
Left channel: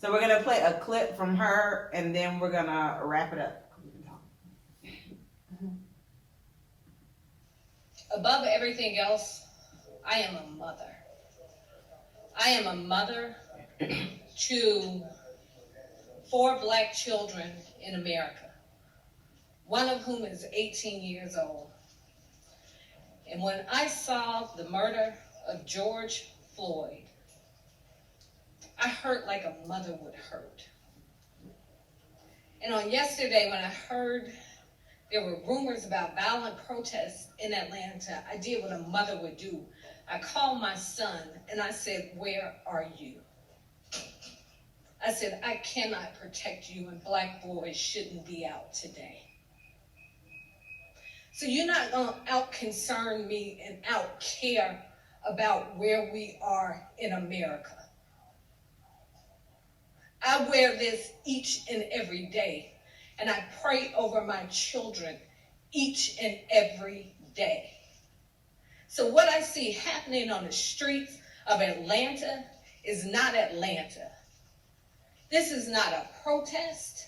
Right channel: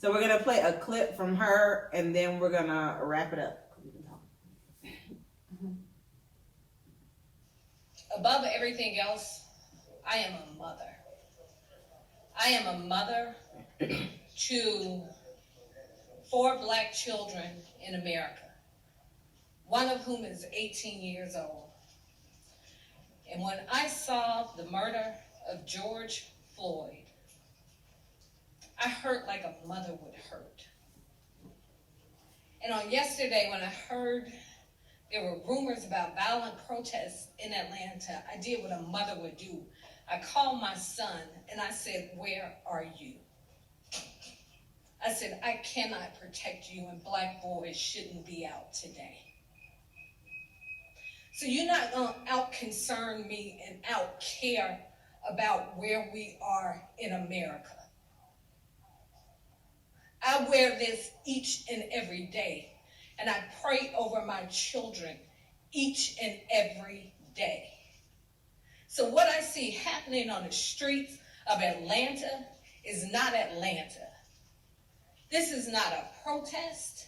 So we're going to play a clip from her, and then we're going to wrap it up. Above everything else, I am a mother. I am a mother to 4 black children in America, one of whom is 18 years old. And when I saw the murder of George Floyd, I hurt like a mother would hurt. And on yesterday, when I heard there were rumors about violent protests in Atlanta, I did what a mother would do. I called my son and I said, where are you? I said, I cannot protect you and black boys shouldn't be out today. So you're not going to out-concern me and out-care about where we are in America. I wear this each and every day, and I pray over my children each and every day. So what I see happening on the streets of Atlanta is not Atlanta. This is not a protest.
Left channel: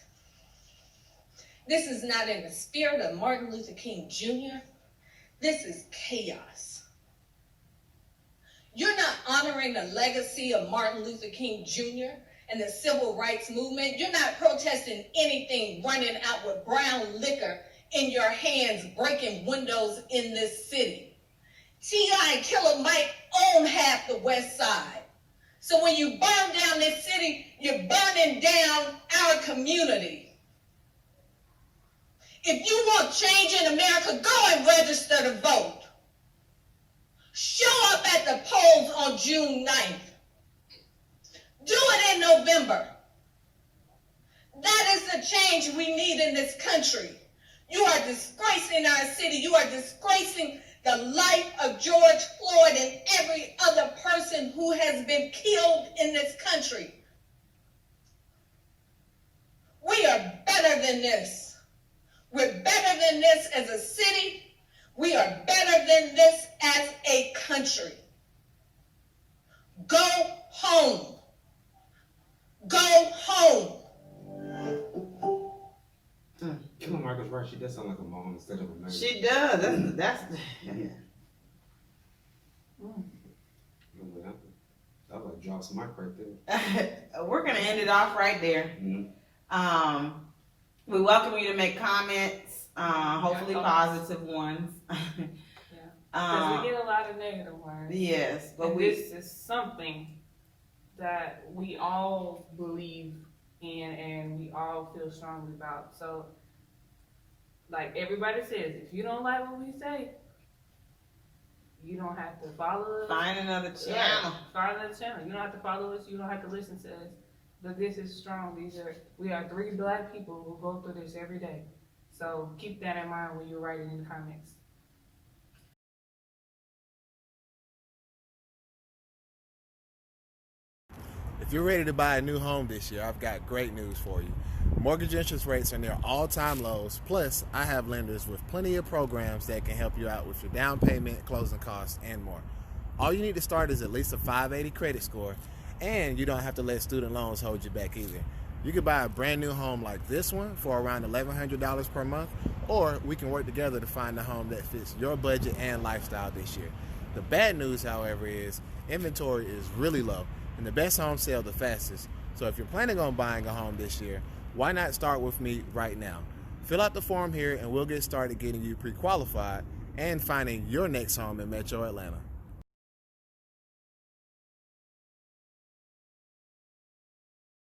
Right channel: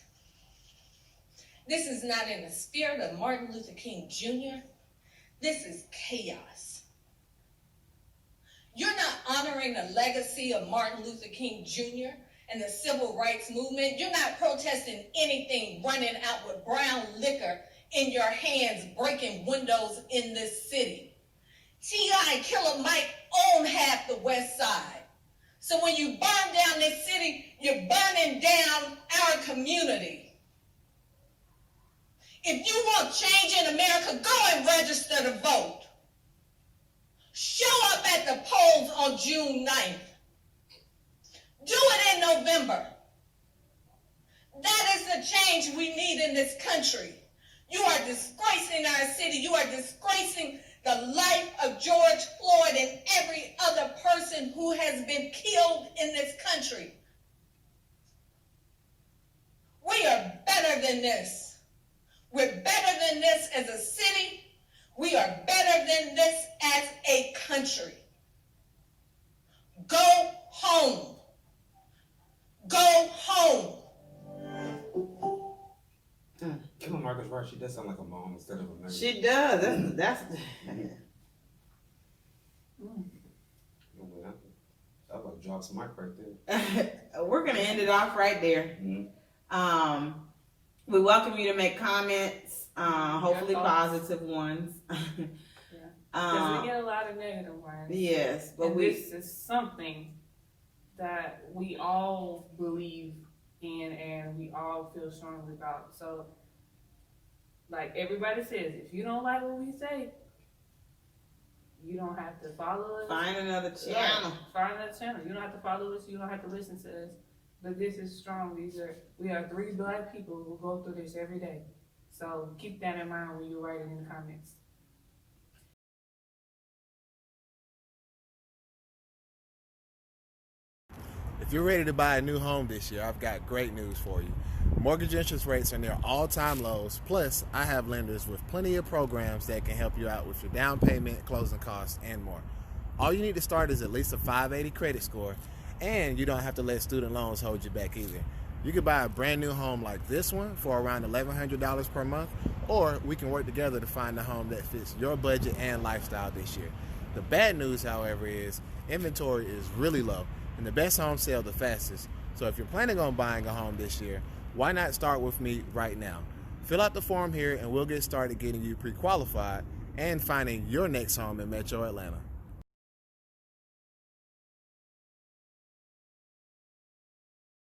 This is not in the spirit of Martin Luther King Jr. This is chaos. You're not honoring the legacy of Martin Luther King Jr. and the civil rights movement. You're not protesting anything running out with brown liquor in your hands, breaking windows in this city. T.I. and Killer Mike own half the West Side. So when you burn down this city, you're burning down our community. If you want change in America, go and register to vote. Show up at the polls on June 9th. Do it in November. That is the change we need in this country. You are disgracing our city. You are disgracing the life of George Floyd and every other person who has been killed in this country. We are better than this. We're better than this as a city. We are better than this as a country. Go home. Go home. Come on, Marcus, right? She does sound like a mom instead of a man. She does. That's That like drops the mic right there. we're gonna end it off right there. Mm-hmm. We welcome you to make comments, hopefully positive ones. Because we get a lot of negative ones. Yes, but And this is something that we all believe in and we all feel strongly about. So, like everybody says, if you don't like what we say, you don't have to follow us. Find another channel. Right. Find another channel. You don't have to follow us. You don't have to listen to us. But this is strong. We are 3 black people who go through this every day. So keep that in mind when you're writing in the comments. If you're ready to buy a new home this year, I've got great news for you. Mortgage interest rates are near all-time lows, plus I have lenders with plenty of programs that can help you out with your down payment, closing costs, and more. All you need to start is at least a 580 credit score, and you don't have to let student loans hold you back either. You can buy a brand new home like this one for around $1,100 per month, or we can work together to find a home that fits your budget and lifestyle this year. The bad news, however, is inventory is really low, and the best homes sell the fastest. So if you're planning on buying a home this year, why not start with me right now? Fill out the form here and we'll get started getting you pre-qualified and finding your next home in Metro Atlanta.